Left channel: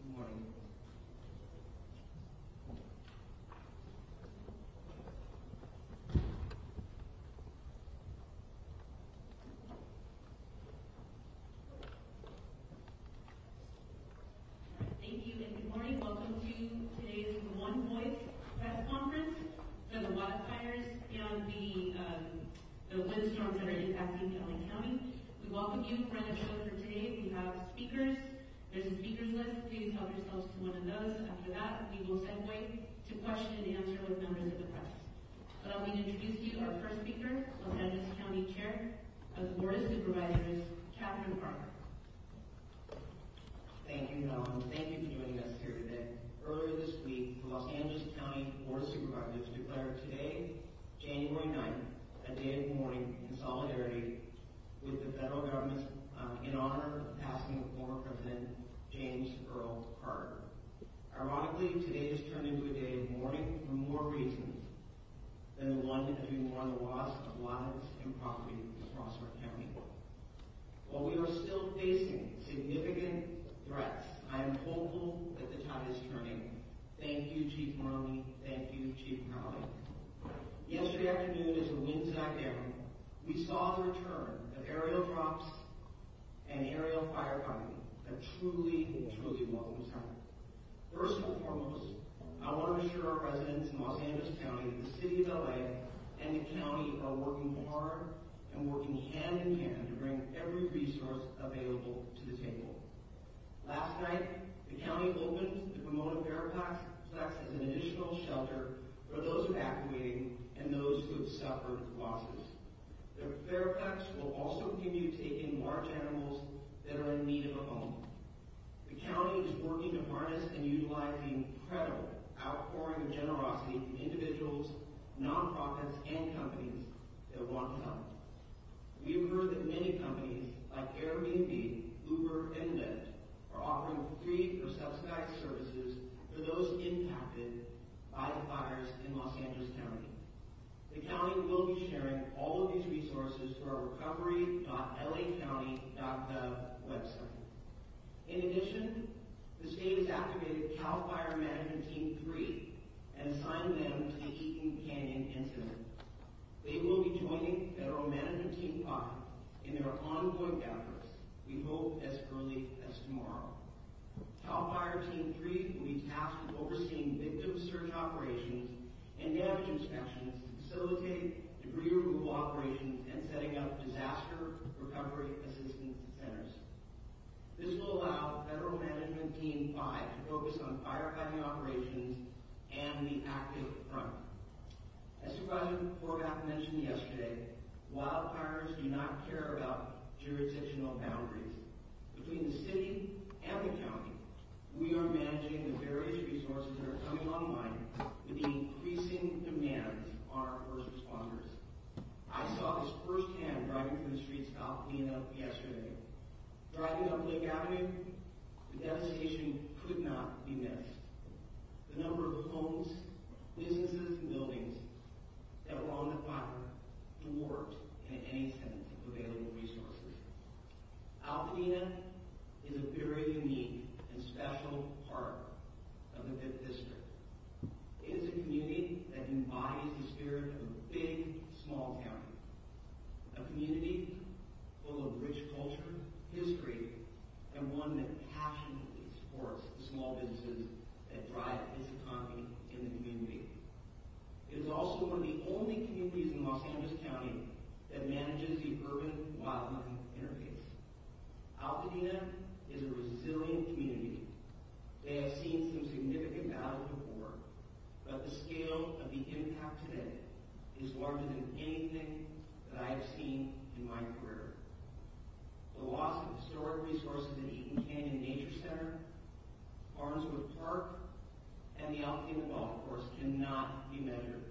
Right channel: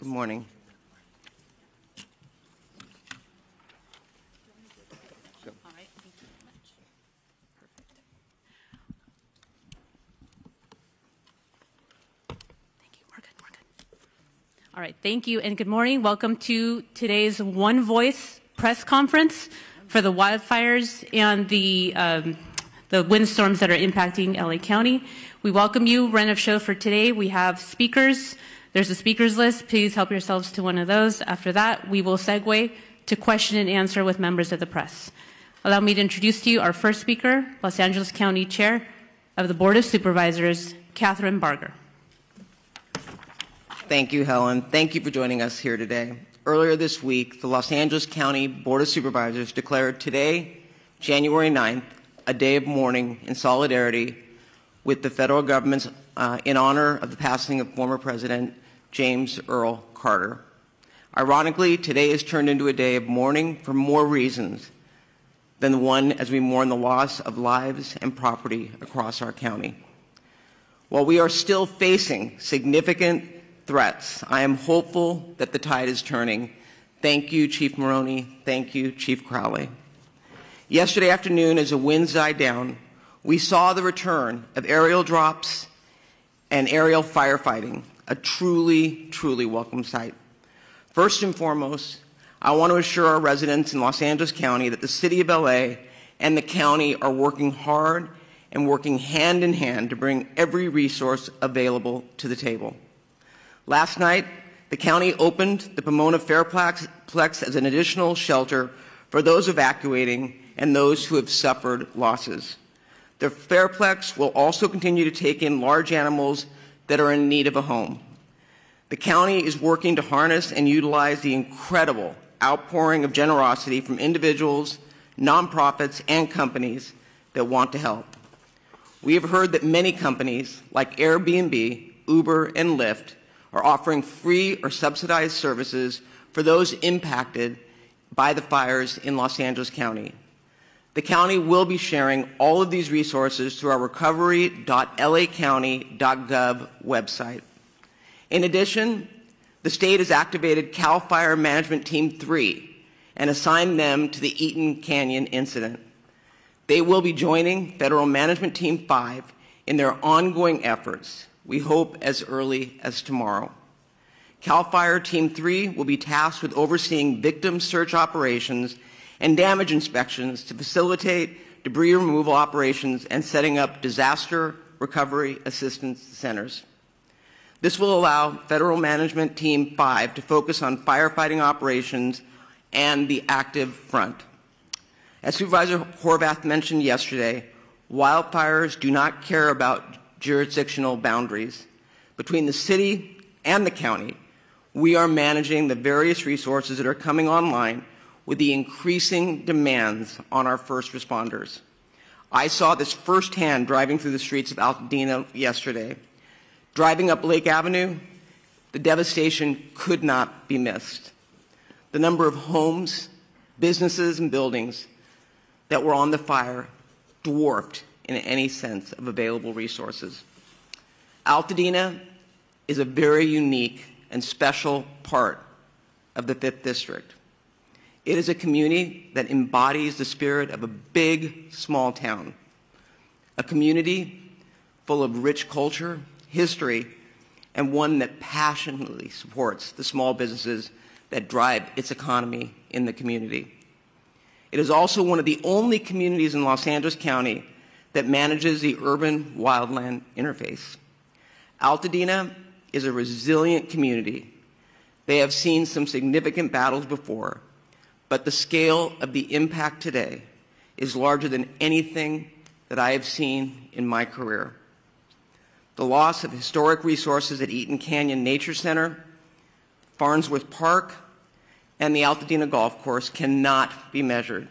Good morning. All right, thank you and good morning. Welcome to today's One Voice press conference for the wildfires and the windstorms that are impacting LA County. We welcome you. Run of show for today. We have speakers. There's a speakers list. Please help yourselves to one of those. After that, we will segue to question and answer with members of the press. Allow me to introduce to you our first speaker, Los Angeles County Chair of the Board of Supervisors, Catherine Barger. Thank you, Helen. Thank you for joining us here today. Earlier this week, the Los Angeles County Board of Supervisors declared today, January 9th, a day of mourning in solidarity with the federal government's in honor of the passing of former President James Earl Carter. Ironically, today is turned into a day of mourning for more reasons than the one as we mourn the loss of lives and property across our county. While we are still facing significant threats, I am hopeful that the tide is turning. Thank you, Chief Maroney. Thank you, Chief Crowley. Yesterday afternoon, as the winds died down, we saw the return of aerial drops and aerial firefighting, a truly, truly welcome sight. First and foremost, I want to assure our residents in Los Angeles County that the City of LA and the county are working hard and working hand in hand to bring every resource available to the table. Last night, the county opened the Pomona Fairplex as an additional shelter for those evacuating and those who have suffered losses. The Fairplex will also continue to take in large animals that are in need of a home. The county is working to harness and utilize the incredible outpouring of generosity from individuals, nonprofits, and companies that want to help. We have heard that many companies like Airbnb, Uber, and Lyft are offering free or subsidized services for those impacted by the fires in Los Angeles County. The county will be sharing all of these resources through our recovery.lacounty.gov website. In addition, the state has activated CAL FIRE Management Team 3 and assigned them to the Eaton Canyon incident. They will be joining Federal Management Team 5 in their ongoing efforts, we hope as early as tomorrow. CAL FIRE Team 3 will be tasked with overseeing victim search operations and damage inspections to facilitate debris removal operations and setting up disaster recovery assistance centers. This will allow Federal Management Team 5 to focus on firefighting operations and the active front. As Supervisor Horvath mentioned yesterday, wildfires do not care about jurisdictional boundaries. Between the city and the county, we are managing the various resources that are coming online with the increasing demands on our first responders. I saw this firsthand driving through the streets of Altadena yesterday. Driving up Lake Avenue, the devastation could not be missed. The number of homes, businesses, and buildings that were on the fire dwarfed in any sense of available resources. Altadena is a very unique and special part of the 5th District. It is a community that embodies the spirit of a big, small town, a community full of rich culture, history, and one that passionately supports the small businesses that drive its economy in the community. It is also one of the only communities in Los Angeles County that manages the urban-wildland interface. Altadena is a resilient community. They have seen some significant battles before, but the scale of the impact today is larger than anything that I have seen in my career. The loss of historic resources at Eaton Canyon Nature Center, Farnsworth Park, and the Altadena Golf Course cannot be measured.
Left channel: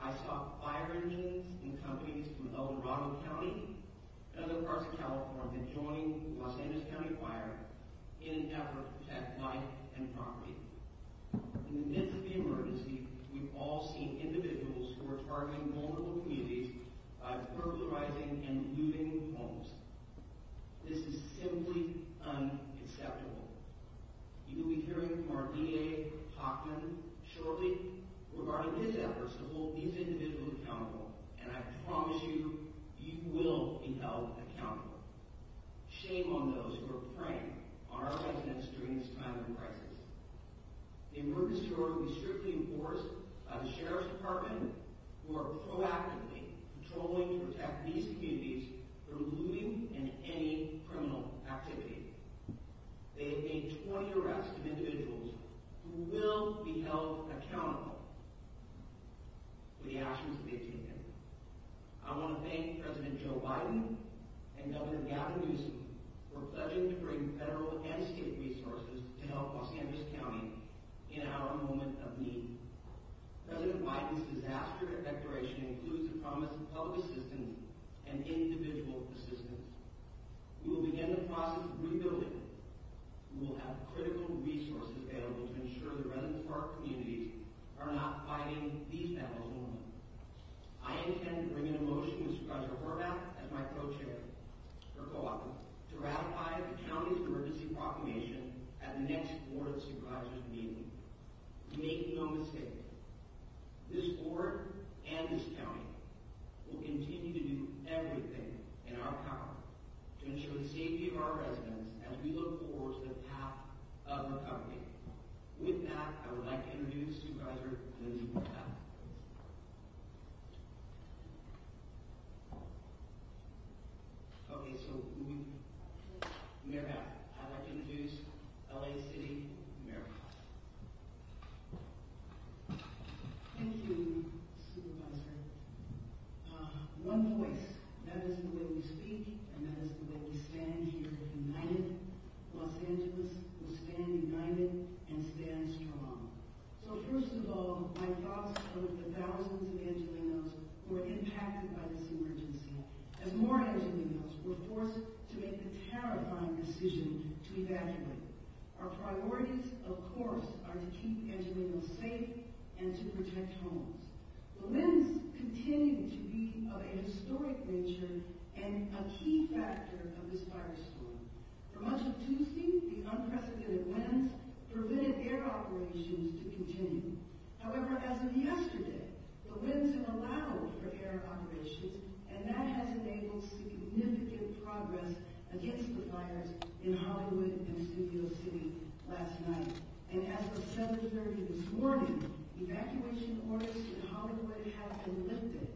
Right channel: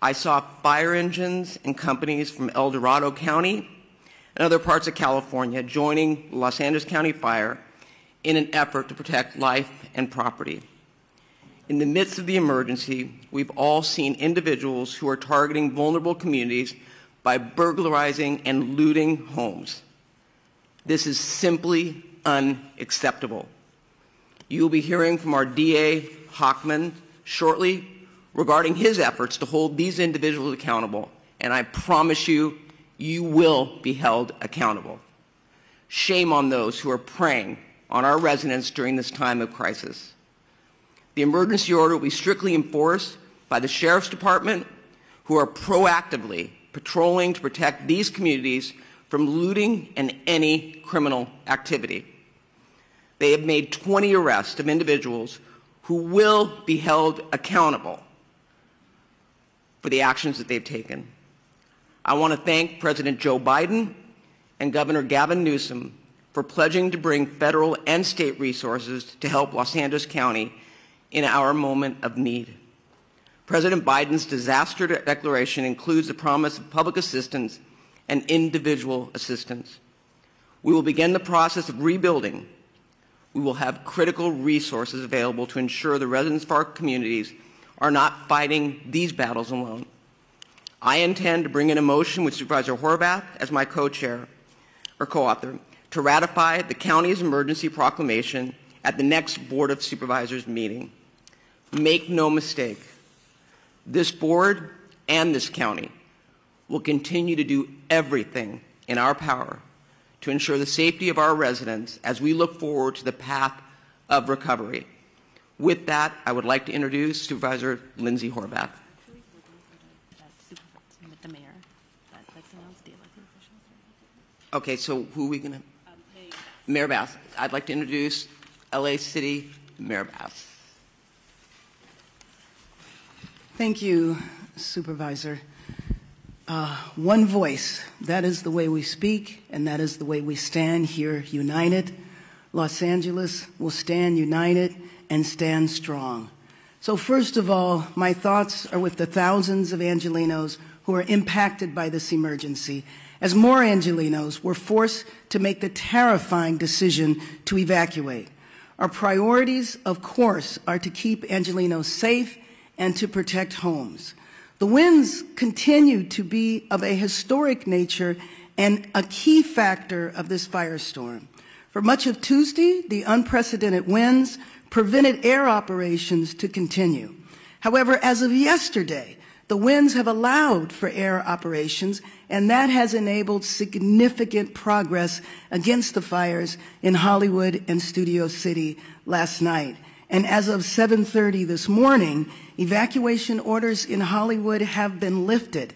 I saw fire engines and companies from El Dorado County and other parts of California joining Los Angeles County Fire in an effort to protect life and property. In the midst of the emergency, we've all seen individuals who are targeting vulnerable communities by burglarizing and looting homes. This is simply unacceptable. You will be hearing from our DA, Hockman, shortly regarding his efforts to hold these individuals accountable, and I promise you, you will be held accountable. Shame on those who are preying on our residents during this time of crisis. The emergency order will be strictly enforced by the Sheriff's Department, who are proactively patrolling to protect these communities from looting and any criminal activity. They have made 20 arrests of individuals who will be held accountable for the actions that they've taken. I want to thank President Joe Biden and Governor Gavin Newsom for pledging to bring federal and state resources to help Los Angeles County in our moment of need. President Biden's disaster declaration includes the promise of public assistance and individual assistance. We will begin the process of rebuilding. We will have critical resources available to ensure the residents of our communities are not fighting these battles alone. I intend to bring in a motion with Supervisor Horvath as my co-chair or co-author to ratify the county's emergency proclamation at the next Board of Supervisors meeting. Make no mistake, this board and this county will continue to do everything in our power to ensure the safety of our residents as we look forward to the path of recovery. With that, I would like to introduce Supervisor Lindsay Horvath. Okay, so who are we going to? Mayor Bass. I'd like to introduce LA City Mayor Bass. Thank you, Supervisor. One voice, that is the way we speak, and that is the way we stand here united. Los Angeles will stand united and stand strong. So first of all, my thoughts are with the thousands of Angelenos who are impacted by this emergency, as more Angelenos were forced to make the terrifying decision to evacuate. Our priorities, of course, are to keep Angelenos safe and to protect homes. The winds continue to be of a historic nature and a key factor of this firestorm. For much of Tuesday, the unprecedented winds prevented air operations to continue. However, as of yesterday, the winds have allowed for air operations, and that has enabled significant progress against the fires in Hollywood and Studio City last night. And as of 7:30 this morning, evacuation orders in Hollywood have been lifted.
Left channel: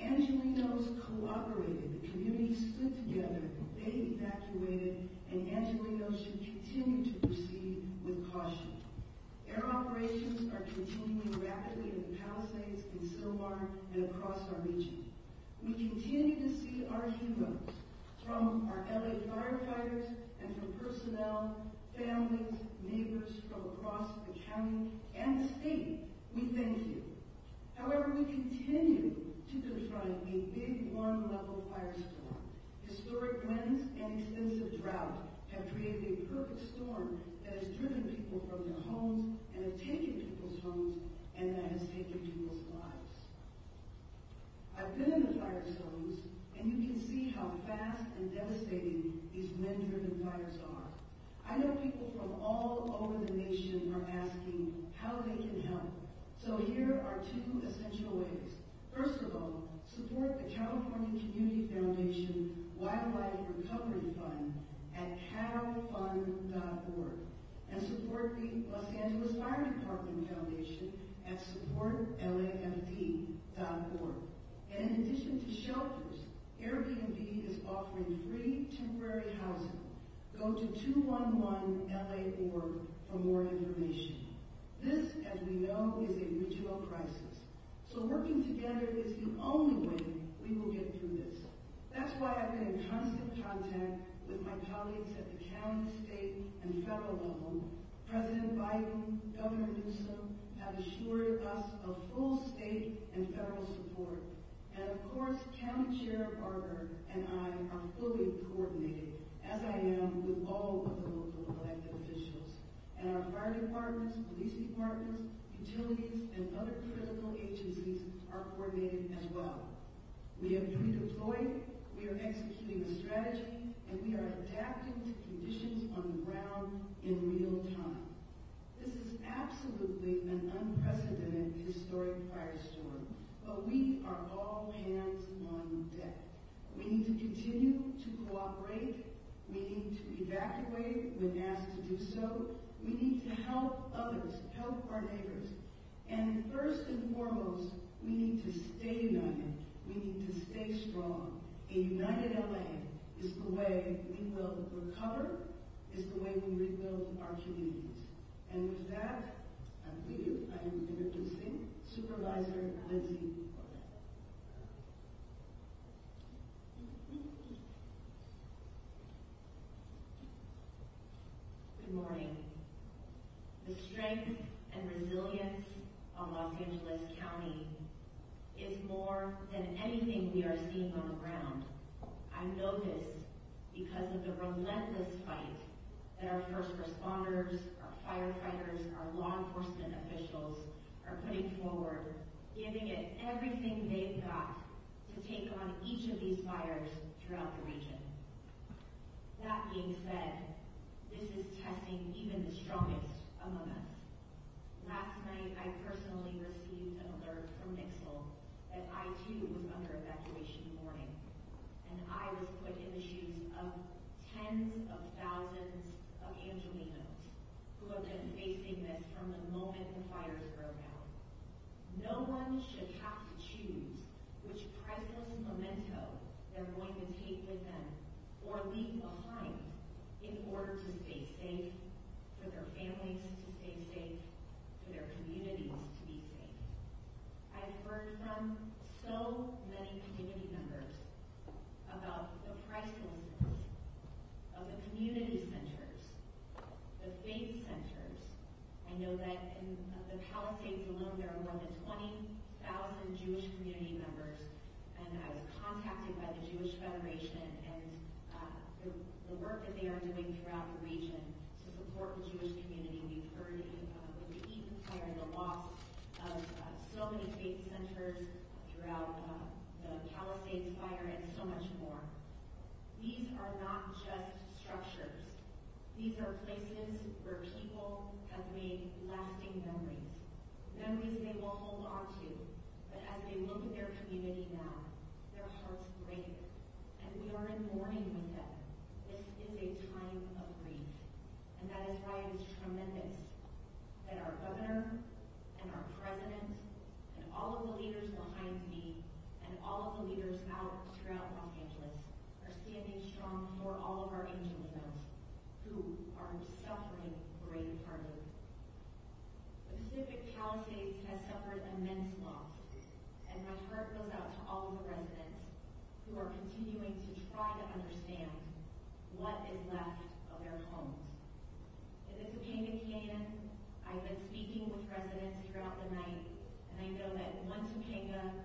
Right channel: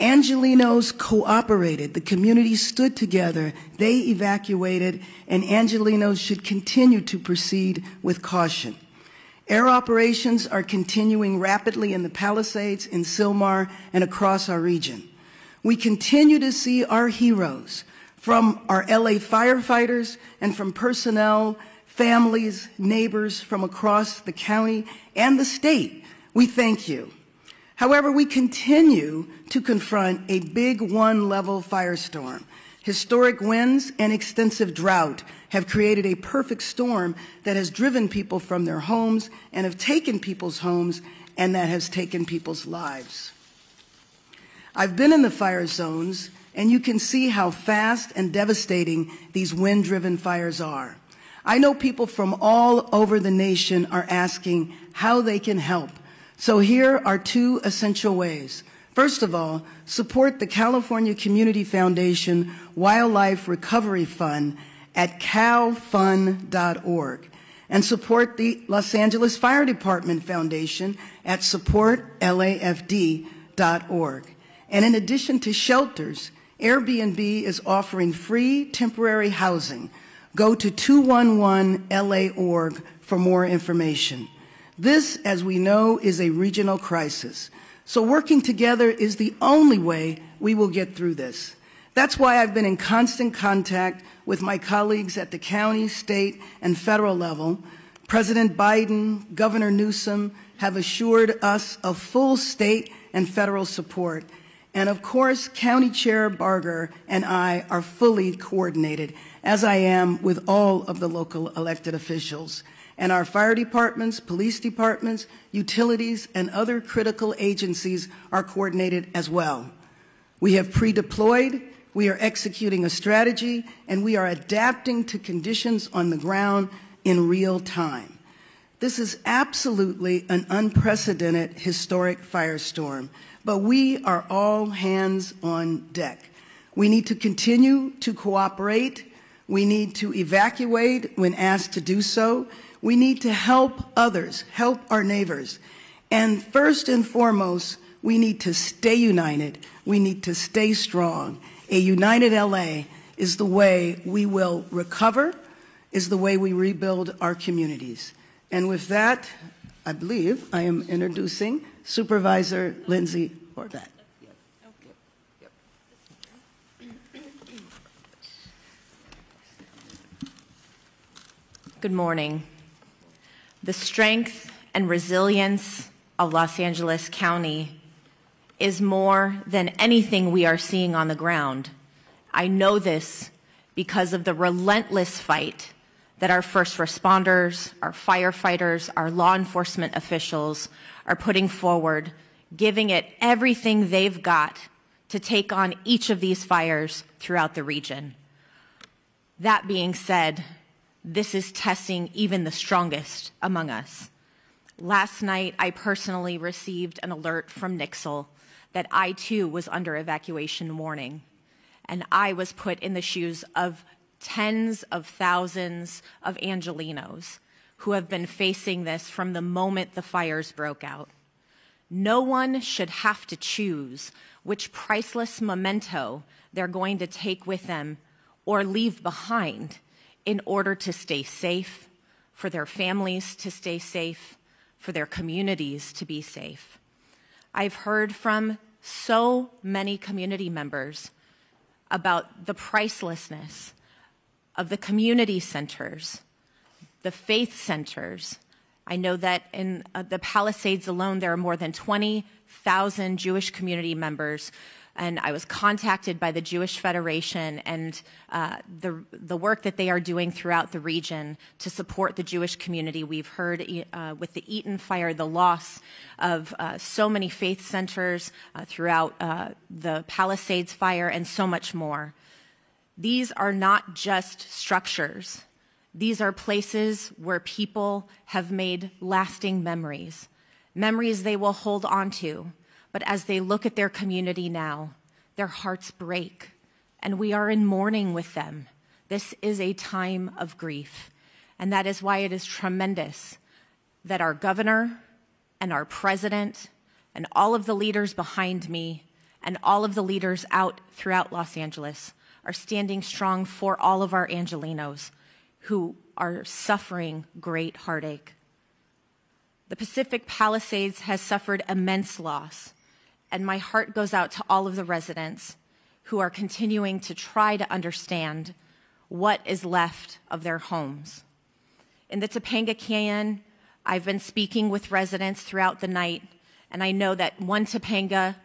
Angelenos cooperated. The community stood together. They evacuated, and Angelenos should continue to proceed with caution. Air operations are continuing rapidly in the Palisades, in Sylmar, and across our region. We continue to see our heroes, from our LA firefighters and from personnel, families, neighbors from across the county and the state. We thank you. However, we continue to confront a big one-level firestorm. Historic winds and extensive drought have created a perfect storm that has driven people from their homes and have taken people's homes, and that has taken people's lives. I've been in the fire zones, and you can see how fast and devastating these wind-driven fires are. I know people from all over the nation are asking how they can help. So here are two essential ways. First of all, support the California Community Foundation Wildlife Recovery Fund at calfund.org, and support the Los Angeles Fire Department Foundation at supportlafd.org. And in addition to shelters, Airbnb is offering free temporary housing. Go to 211LA.org for more information. This, as we know, is a regional crisis. So working together is the only way we will get through this. That's why I've been in constant contact with my colleagues at the county, state, and federal level. President Biden, Governor Newsom have assured us of full state and federal support. And of course, County Chair Barger and I are fully coordinated, as I am with all of the local elected officials. And our fire departments, police departments, utilities, and other critical agencies are coordinated as well. We have pre-deployed, we are executing a strategy, and we are adapting to conditions on the ground in real time. This is absolutely an unprecedented historic firestorm, but we are all hands on deck. We need to continue to cooperate. We need to evacuate when asked to do so. We need to help others, help our neighbors. And first and foremost, we need to stay united. We need to stay strong. A united LA is the way we will recover, is the way we rebuild our communities. And with that, I believe I am introducing Supervisor Lindsay Horvath. Good morning. The strength and resilience of Los Angeles County is more than anything we are seeing on the ground. I know this because of the relentless fight that our first responders, our firefighters, our law enforcement officials are putting forward, giving it everything they've got to take on each of these fires throughout the region. That being said, this is testing even the strongest among us. Last night, I personally received an alert from Nixle that I too was under evacuation warning, and I was put in the shoes of tens of thousands of Angelenos who have been facing this from the moment the fires broke out. No one should have to choose which priceless memento they're going to take with them or leave behind in order to stay safe, for their families to stay safe, for their communities to be safe. I've heard from so many community members about the pricelessness of the community centers, the faith centers. I know that in the Palisades alone, there are more than 20,000 Jewish community members, and I was contacted by the Jewish Federation and the work that they are doing throughout the region to support the Jewish community. We've heard with the Eaton fire, the loss of so many faith centers throughout the Palisades fire, and so much more. These are not just structures. These are places where people have made lasting memories, memories they will hold on to. But as they look at their community now, their hearts break, and we are in mourning with them. This is a time of grief, and that is why it is tremendous that our governor and our president and all of the leaders behind me and all of the leaders out throughout Los Angeles are standing strong for all of our Angelenos who are suffering great heartache. The Pacific Palisades has suffered immense loss, and my heart goes out to all of the residents who are continuing to try to understand what is left of their homes. In the Topanga Canyon, I've been speaking with residents throughout the night, and I know that One Topanga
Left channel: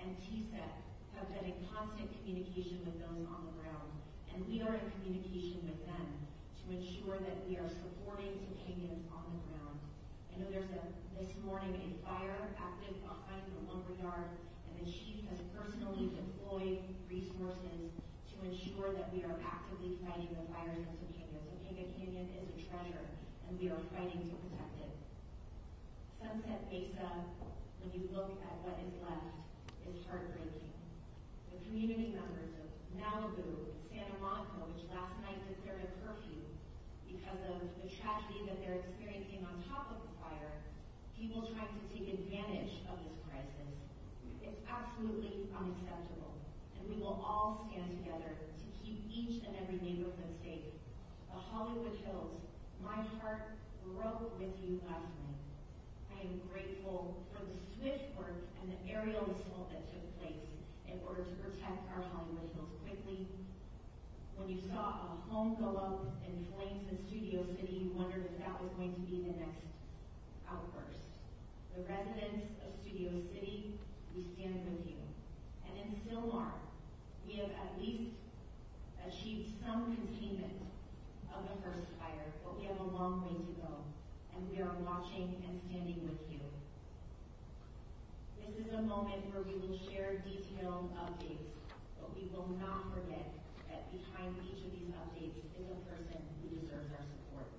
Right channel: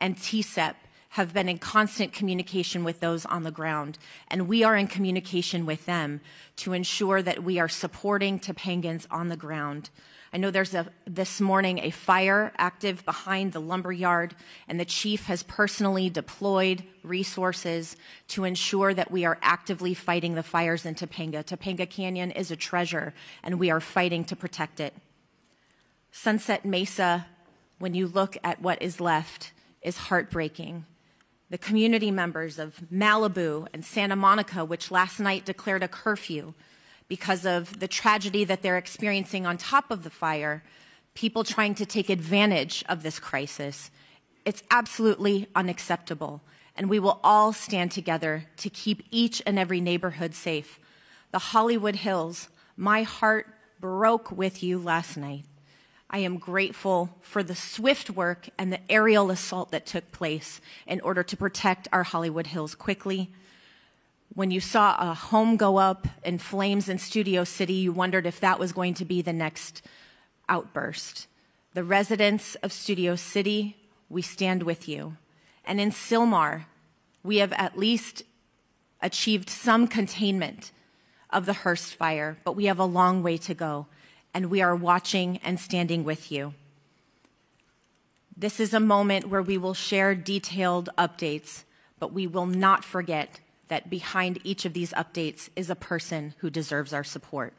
and TSEP have been in constant communication with those on the ground, and we are in communication with them to ensure that we are supporting Topangans on the ground. I know there's this morning a fire active behind the lumber yard, and the chief has personally deployed resources to ensure that we are actively fighting the fires in Topanga. Topanga Canyon is a treasure, and we are fighting to protect it. Sunset Mesa, when you look at what is left, is heartbreaking. The community members of Malibu and Santa Monica, which last night declared a curfew because of the tragedy that they're experiencing on top of the fire, people trying to take advantage of this crisis. It's absolutely unacceptable, and we will all stand together to keep each and every neighborhood safe. The Hollywood Hills, my heart broke with you last night. I am grateful for the swift work and the aerial assault that took place in order to protect our Hollywood Hills quickly. When you saw a home go up in flames in Studio City, you wondered if that was going to be the next outburst. The residents of Studio City, we stand with you. And in Sylmar, we have at least achieved some containment of the Hearst fire, but we have a long way to go, and we are watching and standing with you. This is a moment where we will share detailed updates, but we will not forget that behind each of these updates is a person who deserves our support.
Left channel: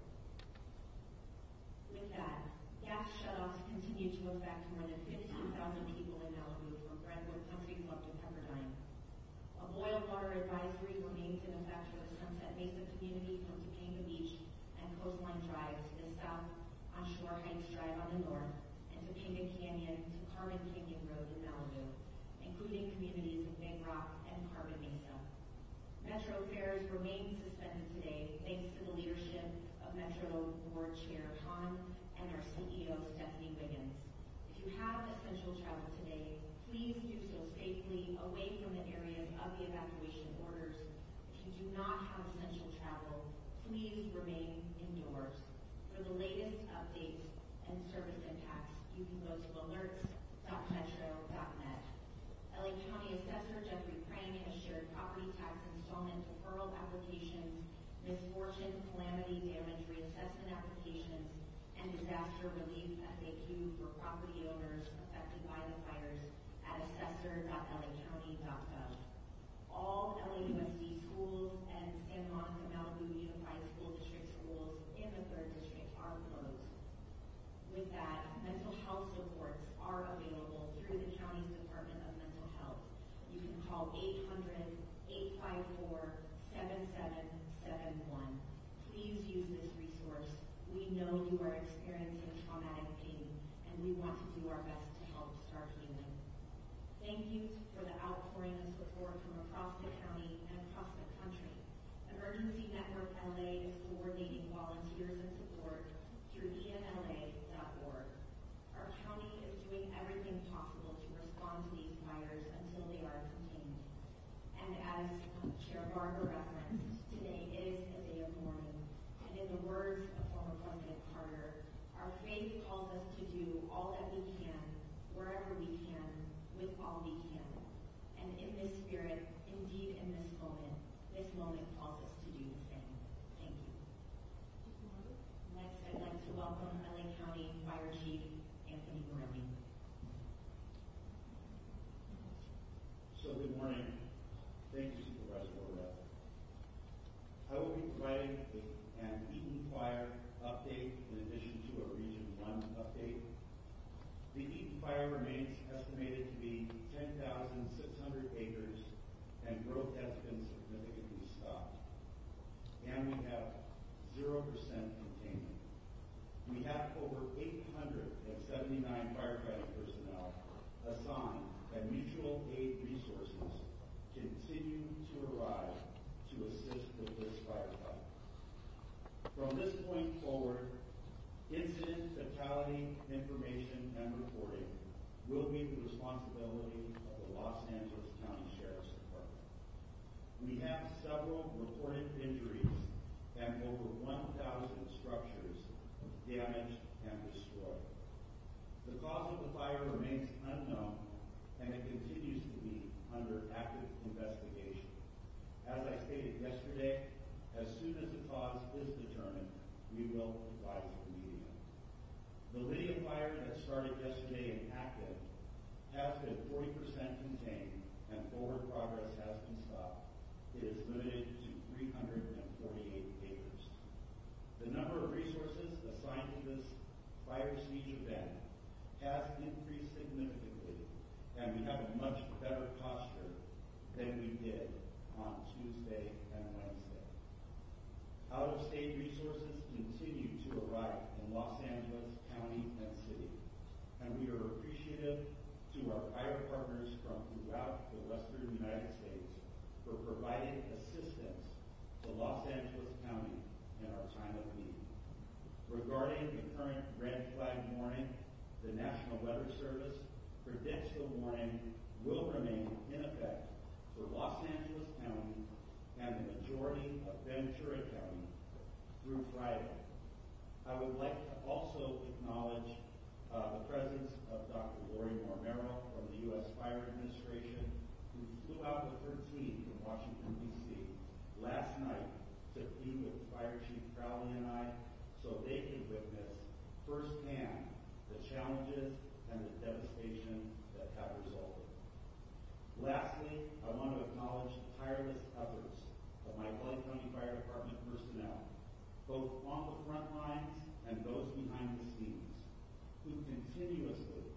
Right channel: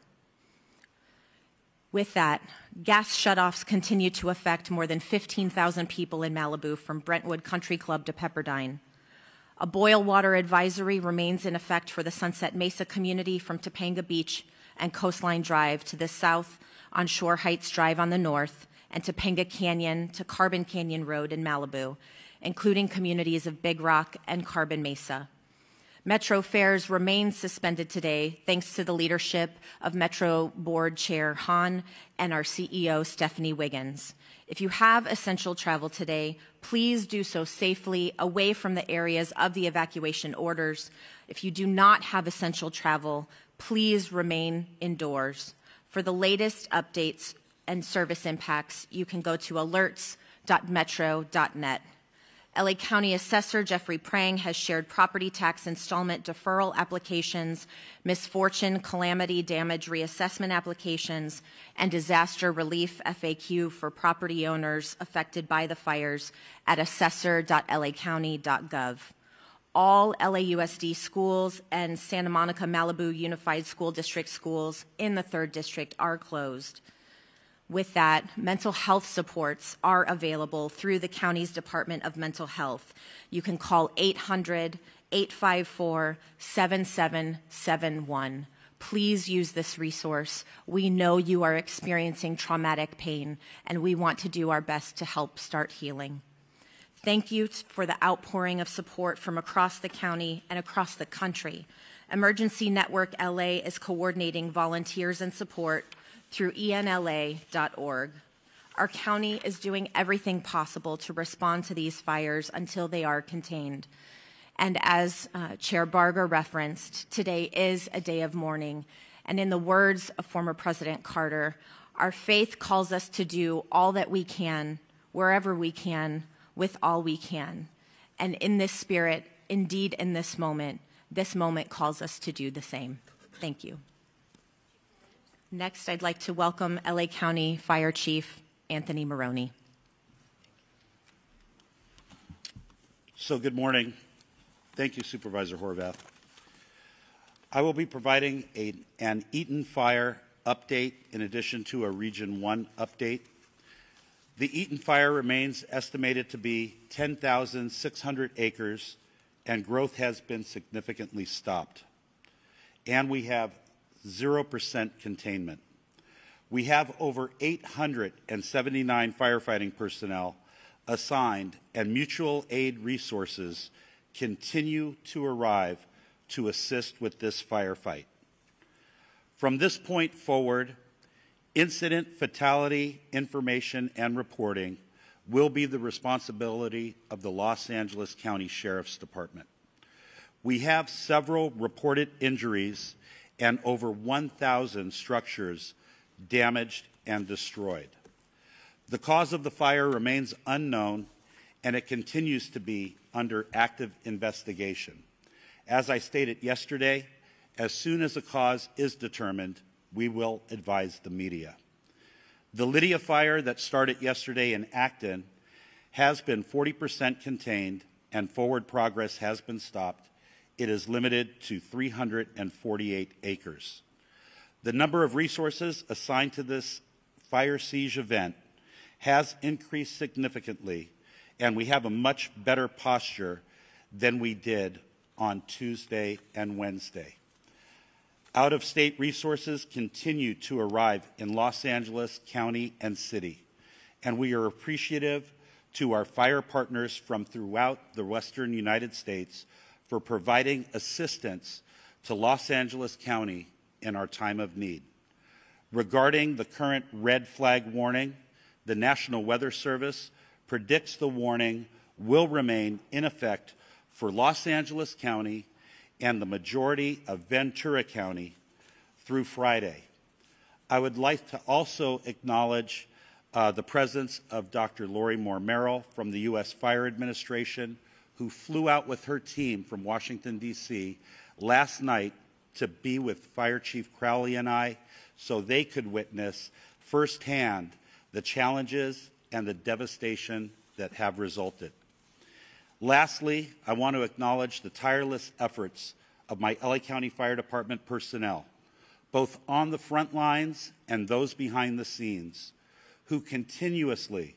With that, gas shutoffs continue to affect more than 15,000 people in Malibu from Brentwood Country Club to Pepperdine. A boil water advisory remains in effect for the Sunset Mesa community from Topanga Beach and Coastline Drive to the south on Shore Heights Drive on the north, and Topanga Canyon to Carbon Canyon Road in Malibu, including communities of Big Rock and Carbon Mesa. Metro fares remain suspended today thanks to the leadership of Metro Board Chair Hahn and our CEO Stephanie Wiggins. If you have essential travel today, please do so safely away from the areas of the evacuation orders. If you do not have essential travel, please remain indoors. For the latest updates and service impacts, you can go to alerts.metro.net. LA County Assessor Jeffrey Prang has shared property tax installment deferral applications, misfortune calamity damage reassessment applications, and disaster relief FAQ for property owners affected by the fires at assessor.lacounty.gov. All LAUSD schools and Santa Monica Malibu Unified School District schools in the 3rd District are closed. With that, mental health supports are available through the county's Department of Mental Health. You can call 800-854-7771. Please use this resource. We know you are experiencing traumatic pain, and we want to do our best to help start healing. Thank you for the outpouring of support from across the county and across the country. Emergency Network LA is coordinating volunteers and support through enla.org. Our county is doing everything possible to respond to these fires until they are contained. And as Chair Barger referenced, today is a day of mourning. And in the words of former President Carter, our faith calls us to do all that we can, wherever we can, with all we can. And in this spirit, indeed in this moment calls us to do the same. Thank you. Next, I'd like to welcome LA County Fire Chief Anthony Maroney. So good morning. Thank you, Supervisor Horvath. I will be providing an Eaton Fire update in addition to a Region 1 update. The Eaton Fire remains estimated to be 10,600 acres, and growth has been significantly stopped. And we have 0% containment. We have over 879 firefighting personnel assigned, and mutual aid resources continue to arrive to assist with this firefight. From this point forward, incident fatality information and reporting will be the responsibility of the Los Angeles County Sheriff's Department. We have several reported injuries and over 1,000 structures damaged and destroyed. The cause of the fire remains unknown, and it continues to be under active investigation. As I stated yesterday, as soon as a cause is determined, we will advise the media. The Lydia fire that started yesterday in Acton has been 40% contained, and forward progress has been stopped. It is limited to 348 acres. The number of resources assigned to this fire siege event has increased significantly, and we have a much better posture than we did on Tuesday and Wednesday. Out-of-state resources continue to arrive in Los Angeles County and City, and we are appreciative to our fire partners from throughout the Western United States for providing assistance to Los Angeles County in our time of need. Regarding the current red flag warning, the National Weather Service predicts the warning will remain in effect for Los Angeles County and the majority of Ventura County through Friday. I would like to also acknowledge the presence of Dr. Lori Moore Merrill from the U.S. Fire Administration, who flew out with her team from Washington, D.C. last night to be with Fire Chief Crowley and I so they could witness firsthand the challenges and the devastation that have resulted. Lastly, I want to acknowledge the tireless efforts of my LA County Fire Department personnel both on the front lines and those behind the scenes, who continuously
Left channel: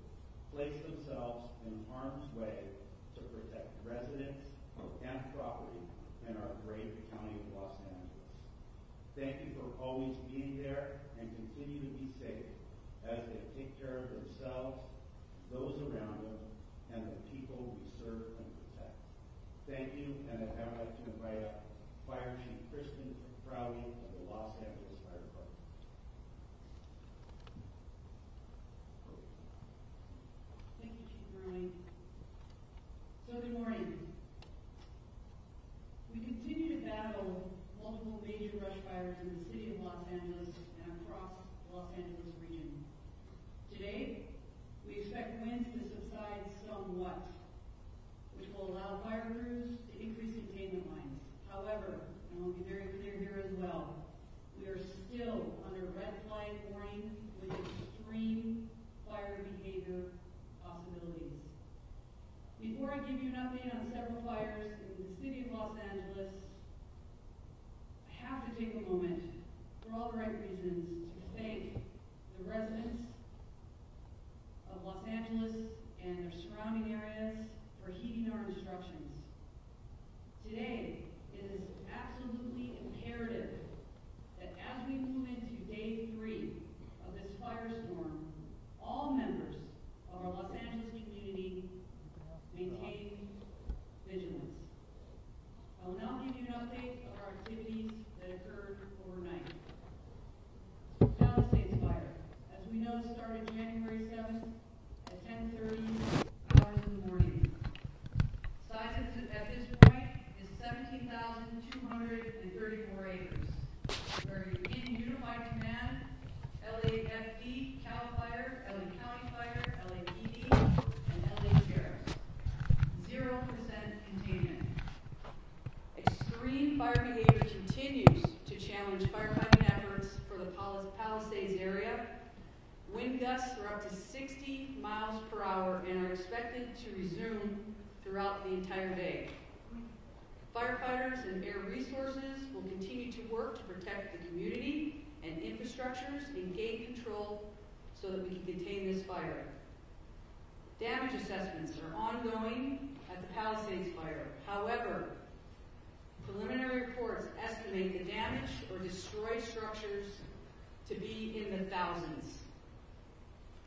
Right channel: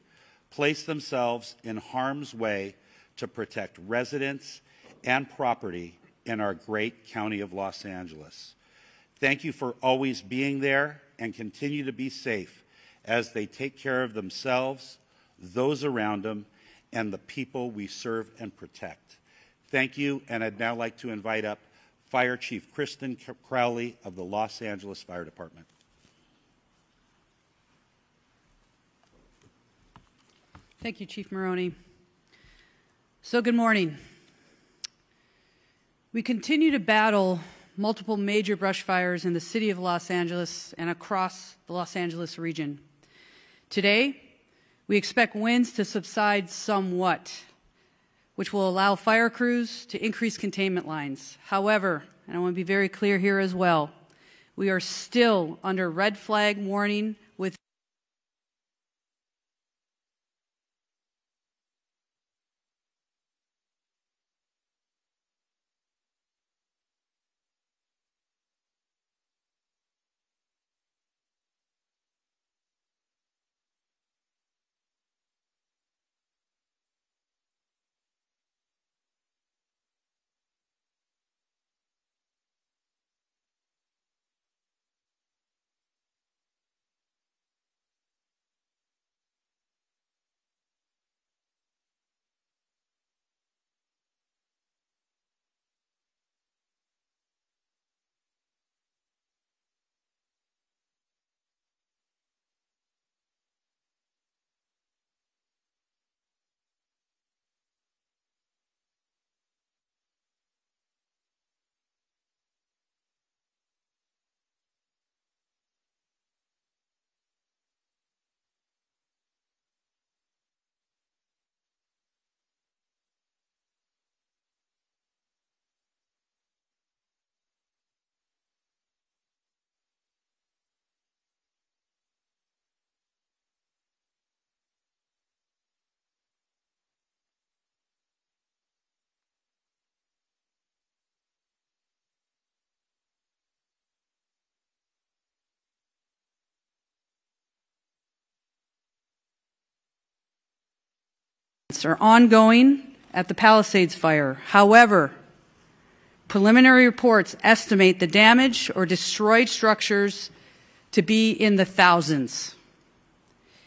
place themselves in harm's way to protect residents and property in our great county of Los Angeles. Thank you for always being there, and continue to be safe as they take care of themselves, those around them, and the people we serve and protect. Thank you, and I'd now like to invite up Fire Chief Kristen Crowley of the Los Angeles Fire Department. Thank you, Chief Maroney. So good morning. We continue to battle multiple major brush fires in the city of Los Angeles and across the Los Angeles region. Today, we expect winds to subside somewhat, which will allow fire crews to increase containment lines. However, and I want to be very clear here as well, we are still under red flag warning with extreme fire behavior possibilities. Before I give you an update on several fires in the city of Los Angeles, I have to take a moment, for all the right reasons, to thank the residents of Los Angeles and their surrounding areas for heeding our instructions. Today, it is absolutely imperative that as we move into day 3 of this firestorm, all members of our Los Angeles community maintain vigilance. I will now give you an update of our activities that occurred overnight. Palisades Fire, as we know, started January 7th at 10:30 hours in the morning. Size at this point is 17,234 acres. We're in Unified Command, LAFD, CAL FIRE, LA County Fire, LAPD, and LA Sheriff. 0% containment. Extreme fire behavior continues to challenge firefighting efforts for the Palisades area. Wind gusts are up to 60 miles per hour and are expected to resume throughout the entire day. Firefighters and air resources will continue to work to protect the community and infrastructures and gain control so that we can contain this fire. Damage assessments are ongoing at the Palisades fire. However, preliminary reports estimate the damage or destroyed structures to be in the thousands.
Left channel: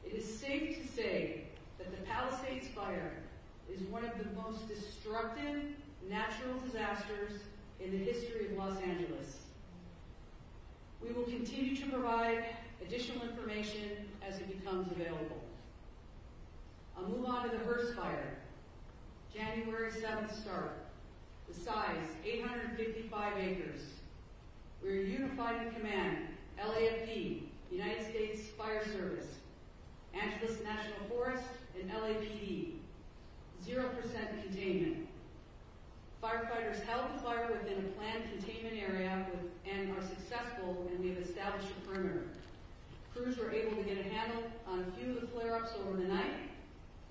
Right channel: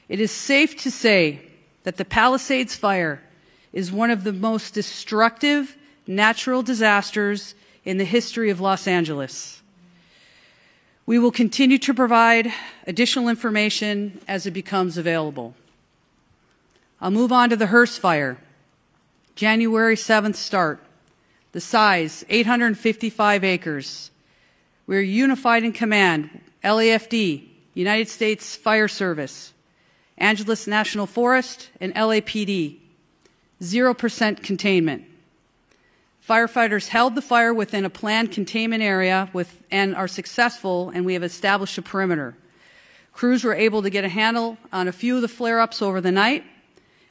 It is safe to say that the Palisades fire is one of the most destructive natural disasters in the history of Los Angeles. We will continue to provide additional information as it becomes available. I'll move on to the Hearst fire. January 7th start. The size, 855 acres. We're unified in command, LAFD, United States Fire Service, Angeles National Forest, and LAPD. 0% containment. Firefighters held the fire within a planned containment area and are successful, and we have established a perimeter. Crews were able to get a handle on a few of the flare-ups over the night.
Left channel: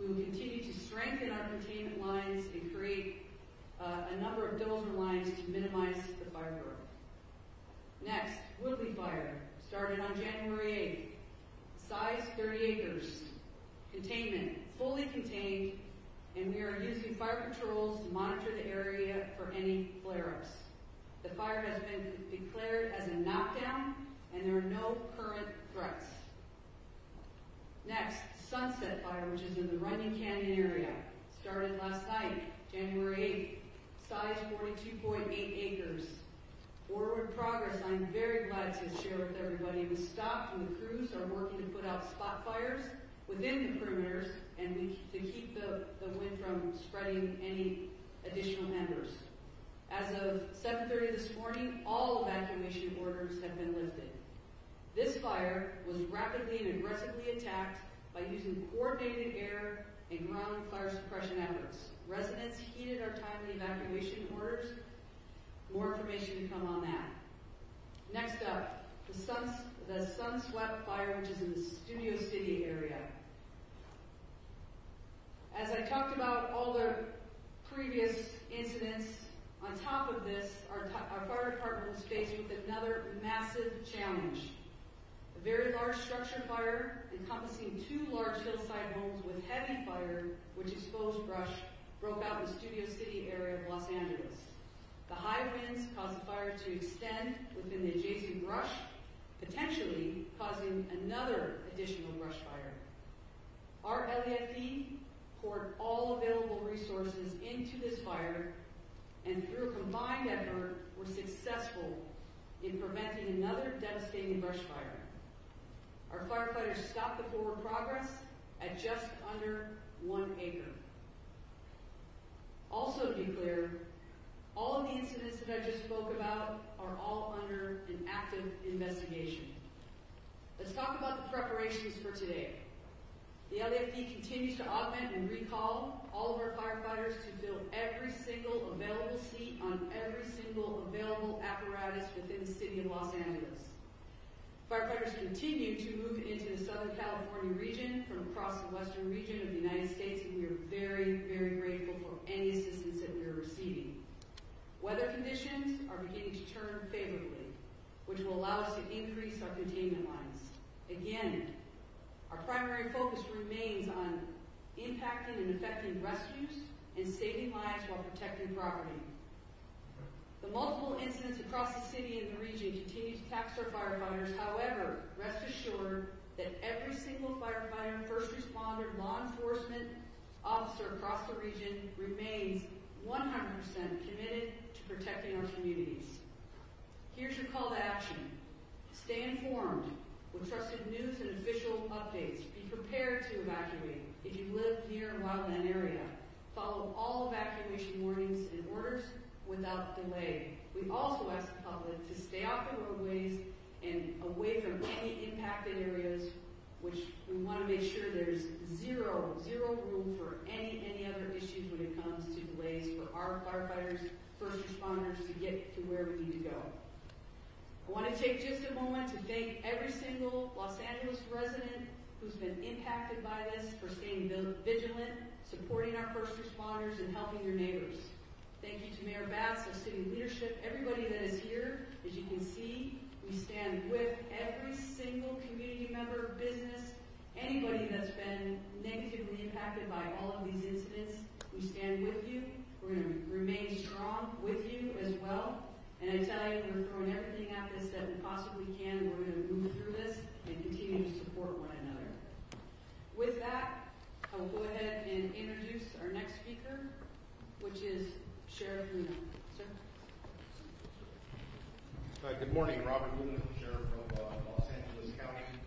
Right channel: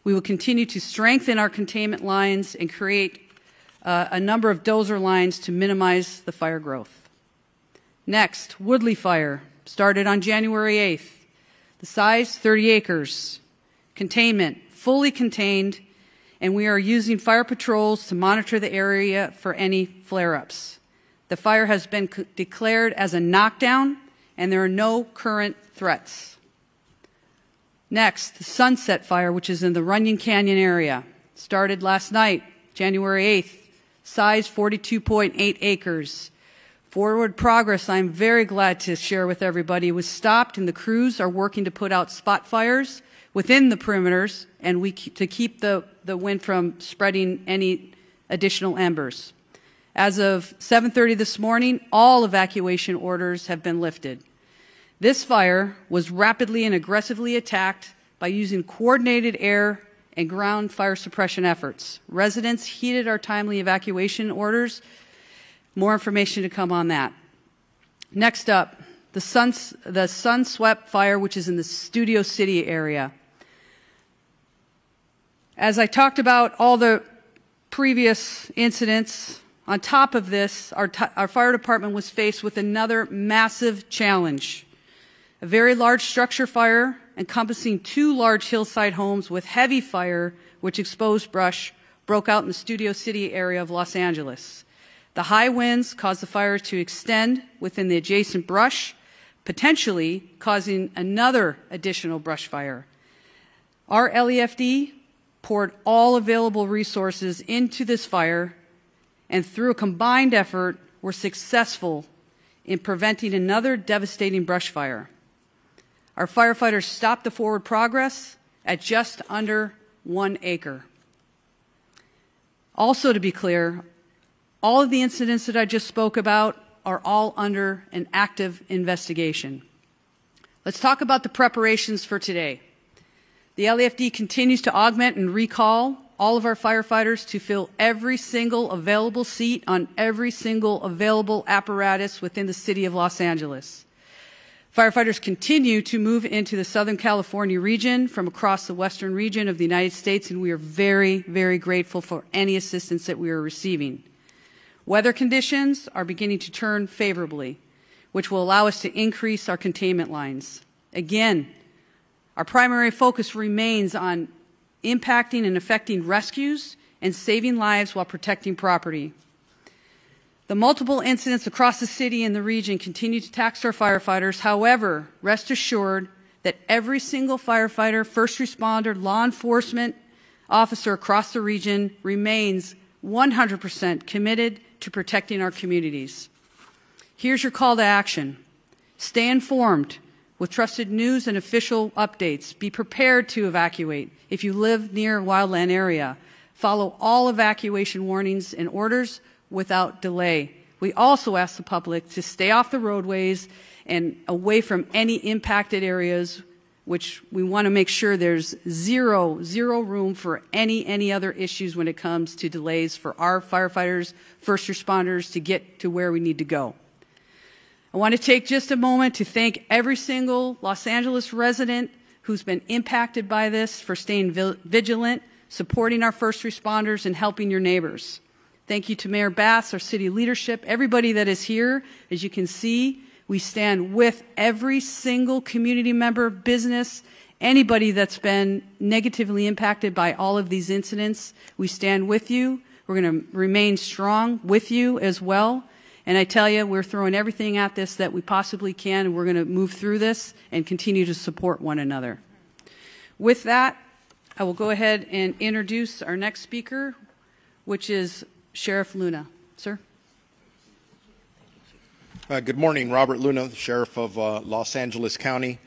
We will continue to strengthen our containment lines and create a number of dozer lines to minimize the fire growth. Next, Woodley Fire started on January 8th. The size, 30 acres. Containment, fully contained, and we are using fire patrols to monitor the area for any flare-ups. The fire has been declared as a knockdown, and there are no current threats. Next, the Sunset Fire, which is in the Runyon Canyon area, started last night, January 8th. Size, 42.8 acres. Forward progress, I'm very glad to share with everybody, was stopped, and the crews are working to put out spot fires within the perimeters and to keep the wind from spreading any additional embers. As of 7:30 this morning, all evacuation orders have been lifted. This fire was rapidly and aggressively attacked by using coordinated air and ground fire suppression efforts. Residents heeded our timely evacuation orders. More information to come on that. Next up, the Sunswept Fire, which is in the Studio City area. As I talked about all the previous incidents On top of this, our fire department was faced with another massive challenge. A very large structure fire encompassing 2 large hillside homes with heavy fire, which exposed brush, broke out in the Studio City area of Los Angeles. The high winds caused the fire to extend within the adjacent brush, potentially causing another additional brush fire. Our LEFD poured all available resources into this fire, and through a combined effort, were successful in preventing another devastating brush fire. Our firefighters stopped the forward progress at just under 1 acre. Also, to be clear, all of the incidents that I just spoke about are all under an active investigation. Let's talk about the preparations for today. The LAFD continues to augment and recall all of our firefighters to fill every single available seat on every single available apparatus within the city of Los Angeles. Firefighters continue to move into the Southern California region from across the western region of the United States, and we are very, very grateful for any assistance that we are receiving. Weather conditions are beginning to turn favorably, which will allow us to increase our containment lines. Again, our primary focus remains on impacting and affecting rescues and saving lives while protecting property. The multiple incidents across the city and the region continue to tax our firefighters. However, rest assured that every single firefighter, first responder, law enforcement officer across the region remains 100% committed to protecting our communities. Here's your call to action. Stay informed with trusted news and official updates. Be prepared to evacuate if you live near a wildland area. Follow all evacuation warnings and orders without delay. We also ask the public to stay off the roadways and away from any impacted areas, which we want to make sure there's zero room for any other issues when it comes to delays for our firefighters, first responders to get to where we need to go. I want to take just a moment to thank every single Los Angeles resident who's been impacted by this for staying vigilant, supporting our first responders, and helping your neighbors. Thank you to Mayor Bass, our city leadership, everybody that is here. As you can see, we stand with every single community member, business, anybody that's been negatively impacted by all of these incidents. We stand with you. We're going to remain strong with you as well. And I tell you, we're throwing everything at this that we possibly can, and we're going to move through this and continue to support one another. With that, I will go ahead and introduce our next speaker, which is Sheriff Luna. Sir? Good morning, Robert Luna, Sheriff of Los Angeles County.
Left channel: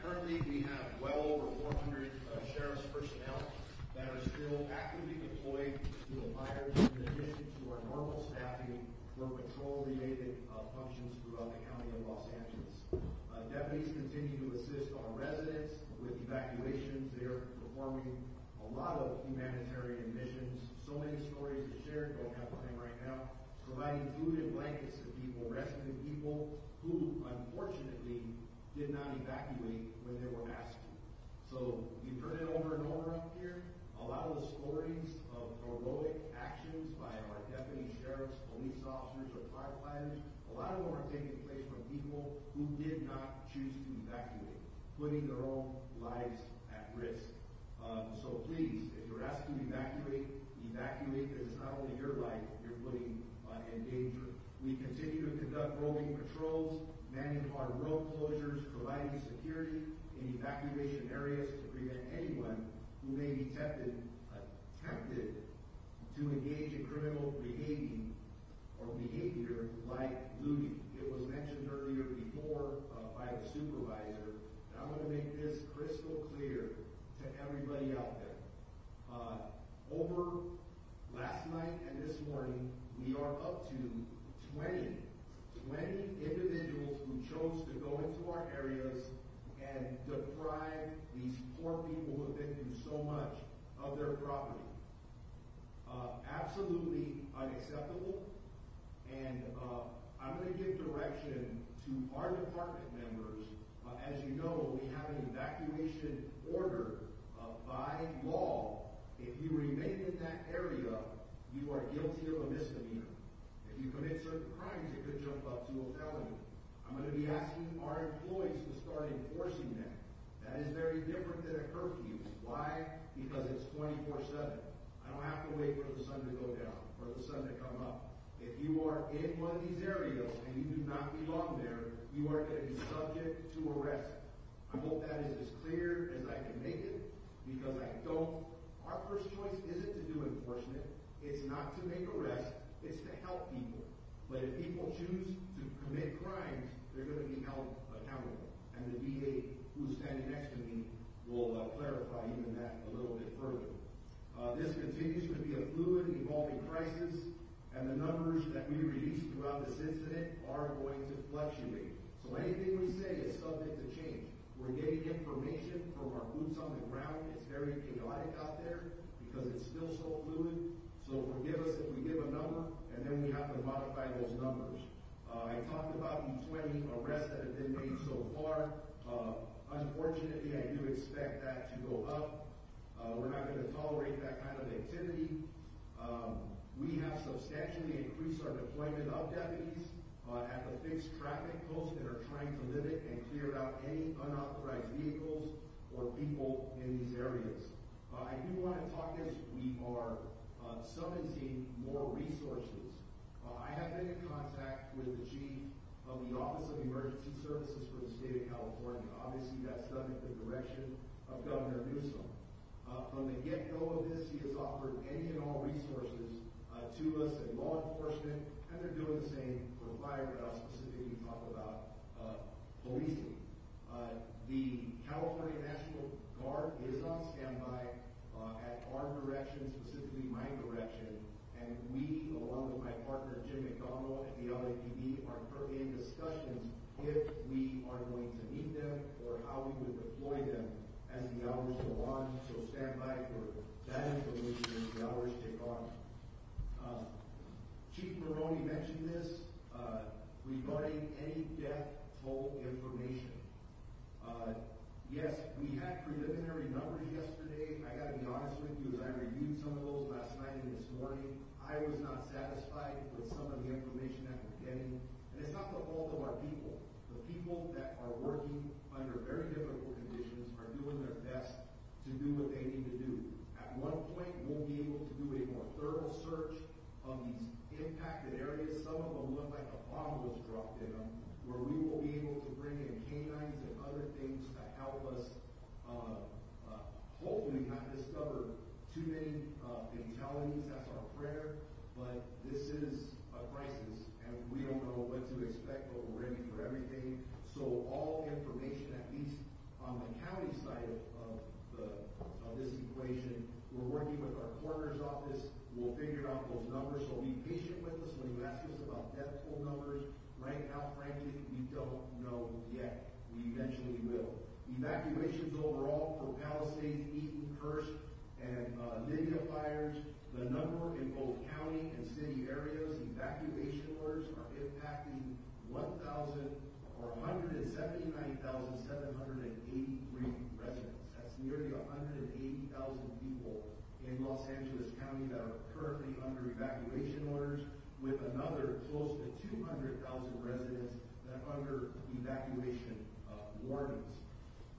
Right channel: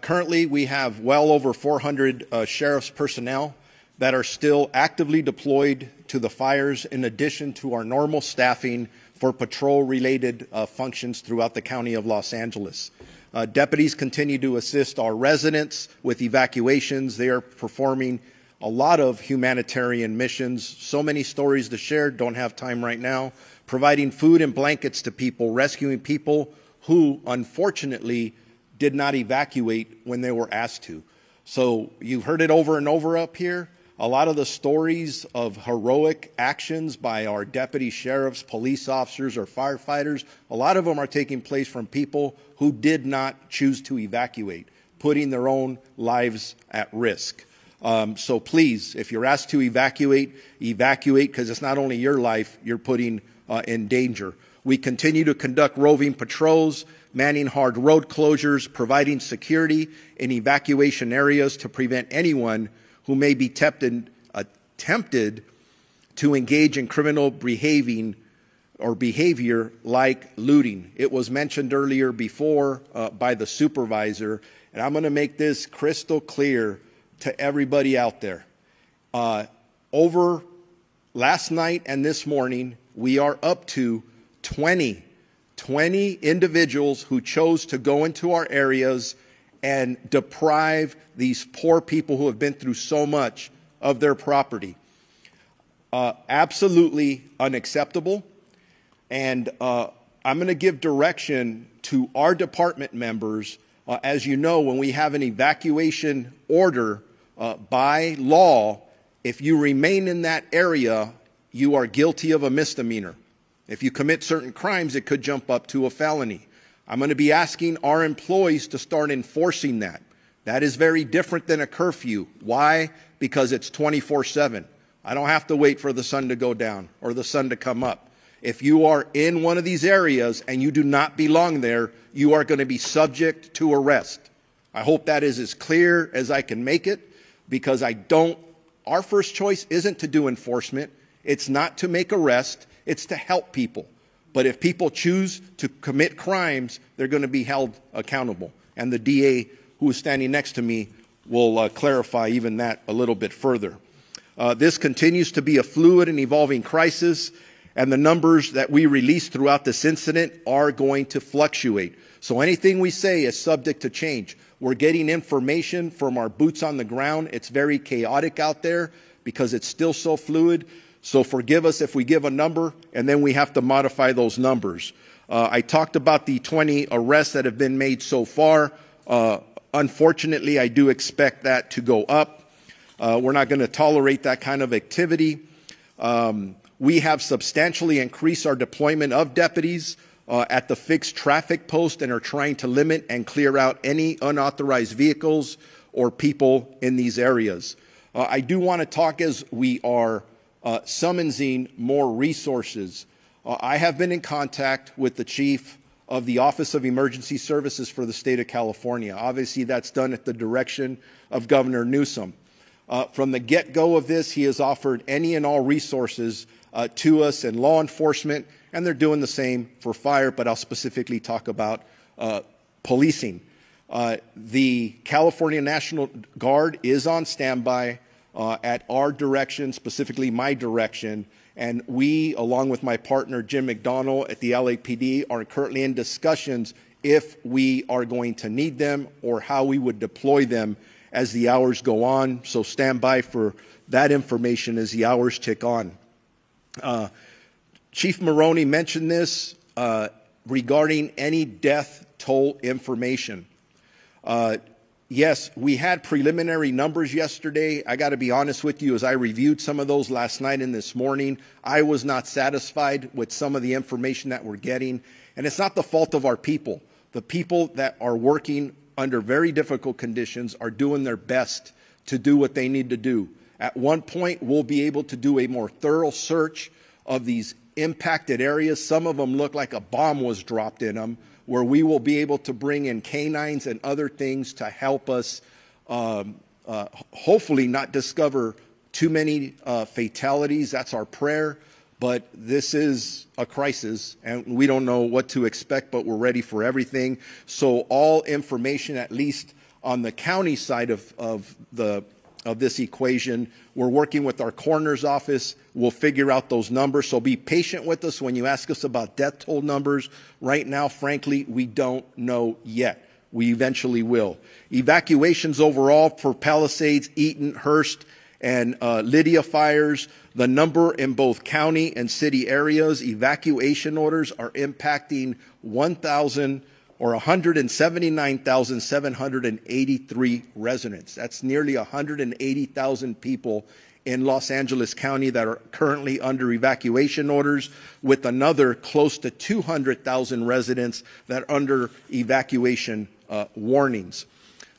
Currently, we have well over 400 sheriff's personnel that are still actively deployed to the fires, in addition to our normal staffing for patrol-related functions throughout the county of Los Angeles. Deputies continue to assist our residents with evacuations. They are performing a lot of humanitarian missions. So many stories to share, don't have time right now. Providing food and blankets to people, rescuing people who unfortunately did not evacuate when they were asked to. So you've heard it over and over up here. A lot of the stories of heroic actions by our deputy sheriffs, police officers, or firefighters, a lot of them are taking place from people who did not choose to evacuate, putting their own lives at risk. So please, if you're asked to evacuate, because it's not only your life you're putting in danger. We continue to conduct roving patrols, manning hard road closures, providing security in evacuation areas to prevent anyone who may be tempted to engage in criminal behavior like looting. It was mentioned earlier before by the supervisor, and I'm going to make this crystal clear to everybody out there. Over last night and this morning, we are up to 20 individuals who chose to go into our areas and deprive these poor people who have been through so much of their property. Absolutely unacceptable. And I'm going to give direction to our department members. As you know, when we have an evacuation order by law, if you remain in that area, you are guilty of a misdemeanor. If you commit certain crimes, it could jump up to a felony. I'm going to be asking our employees to start enforcing that. That is very different than a curfew. Why? Because it's 24/7. I don't have to wait for the sun to go down or the sun to come up. If you are in one of these areas and you do not belong there, you are going to be subject to arrest. I hope that is as clear as I can make it, because our first choice isn't to do enforcement. It's not to make arrests. It's to help people. But if people choose to commit crimes, they're going to be held accountable. And the DA, who is standing next to me, will clarify even that a little bit further. This continues to be a fluid and evolving crisis, and the numbers that we release throughout this incident are going to fluctuate. So anything we say is subject to change. We're getting information from our boots on the ground. It's very chaotic out there because it's still so fluid. So forgive us if we give a number and then we have to modify those numbers. I talked about the 20 arrests that have been made so far. Unfortunately, I do expect that to go up. We're not going to tolerate that kind of activity. We have substantially increased our deployment of deputies at the fixed traffic post and are trying to limit and clear out any unauthorized vehicles or people in these areas. I do want to talk as we are summoning more resources. I have been in contact with the chief of the Office of Emergency Services for the state of California. Obviously, that's done at the direction of Governor Newsom. From the get-go of this, he has offered any and all resources to us in law enforcement, and they're doing the same for fire, but I'll specifically talk about policing. The California National Guard is on standby at our direction, specifically my direction, and we, along with my partner Jim McDonnell at the LAPD, are currently in discussions if we are going to need them or how we would deploy them as the hours go on. So stand by for that information as the hours tick on. Chief Maroney mentioned this regarding any death toll information. Yes, we had preliminary numbers yesterday. I got to be honest with you, as I reviewed some of those last night and this morning, I was not satisfied with some of the information that we're getting. And it's not the fault of our people. The people that are working under very difficult conditions are doing their best to do what they need to do. At one point, we'll be able to do a more thorough search of these impacted areas. Some of them look like a bomb was dropped in them, where we will be able to bring in canines and other things to help us hopefully not discover too many fatalities. That's our prayer. But this is a crisis, and we don't know what to expect, but we're ready for everything. So all information, at least on the county side of this equation, we're working with our coroner's office. We'll figure out those numbers. So be patient with us when you ask us about death toll numbers. Right now, frankly, we don't know yet. We eventually will. Evacuations overall for Palisades, Eaton, Hearst, and Lydia fires. The number in both county and city areas, evacuation orders are impacting 179,783 residents. That's nearly 180,000 people in Los Angeles County that are currently under evacuation orders, with another close to 200,000 residents that are under evacuation warnings.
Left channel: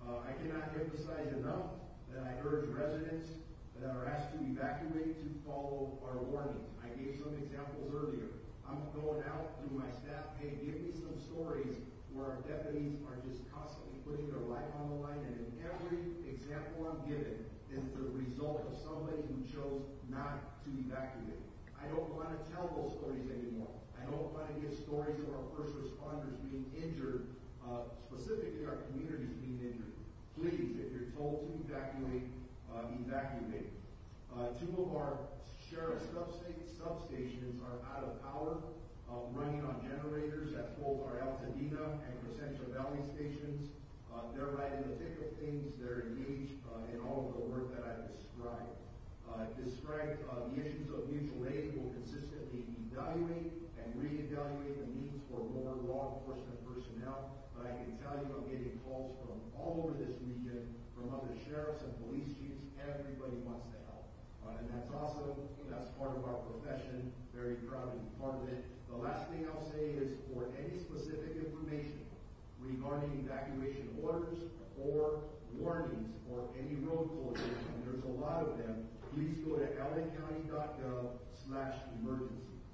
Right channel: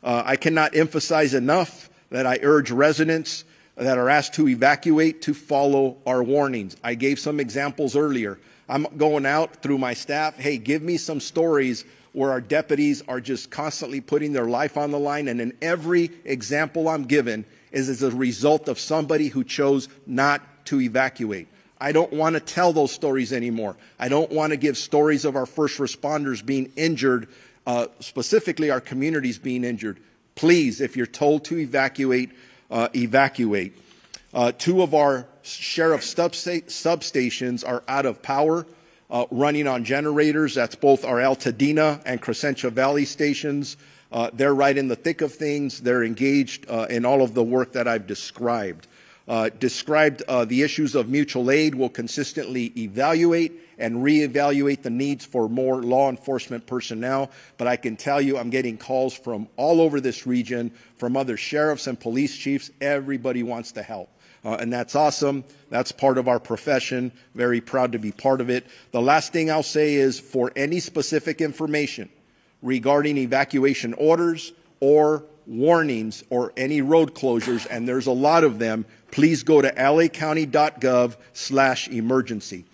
I cannot emphasize enough that I urge residents that are asked to evacuate to follow our warnings. I gave some examples earlier. I'm going out through my staff, hey, give me some stories where our deputies are just constantly putting their life on the line, and in every example I'm given is as a result of somebody who chose not to evacuate. I don't want to tell those stories anymore. I don't want to give stories of our first responders being injured, specifically our communities being injured. Please, if you're told to evacuate, evacuate. Two of our sheriff's substations are out of power, running on generators. That's both our Altadena and Crescentia Valley stations. They're right in the thick of things. They're engaged in all of the work that I've described. The issues of mutual aid. Will consistently evaluate and reevaluate the needs for more law enforcement personnel. But I can tell you I'm getting calls from all over this region, from other sheriffs and police chiefs. Everybody wants to help. And that's awesome. That's part of our profession. Very proud to be part of it. The last thing I'll say is, for any specific information regarding evacuation orders or warnings or any road closures, and there's a lot of them, please go to lacounty.gov/emergency.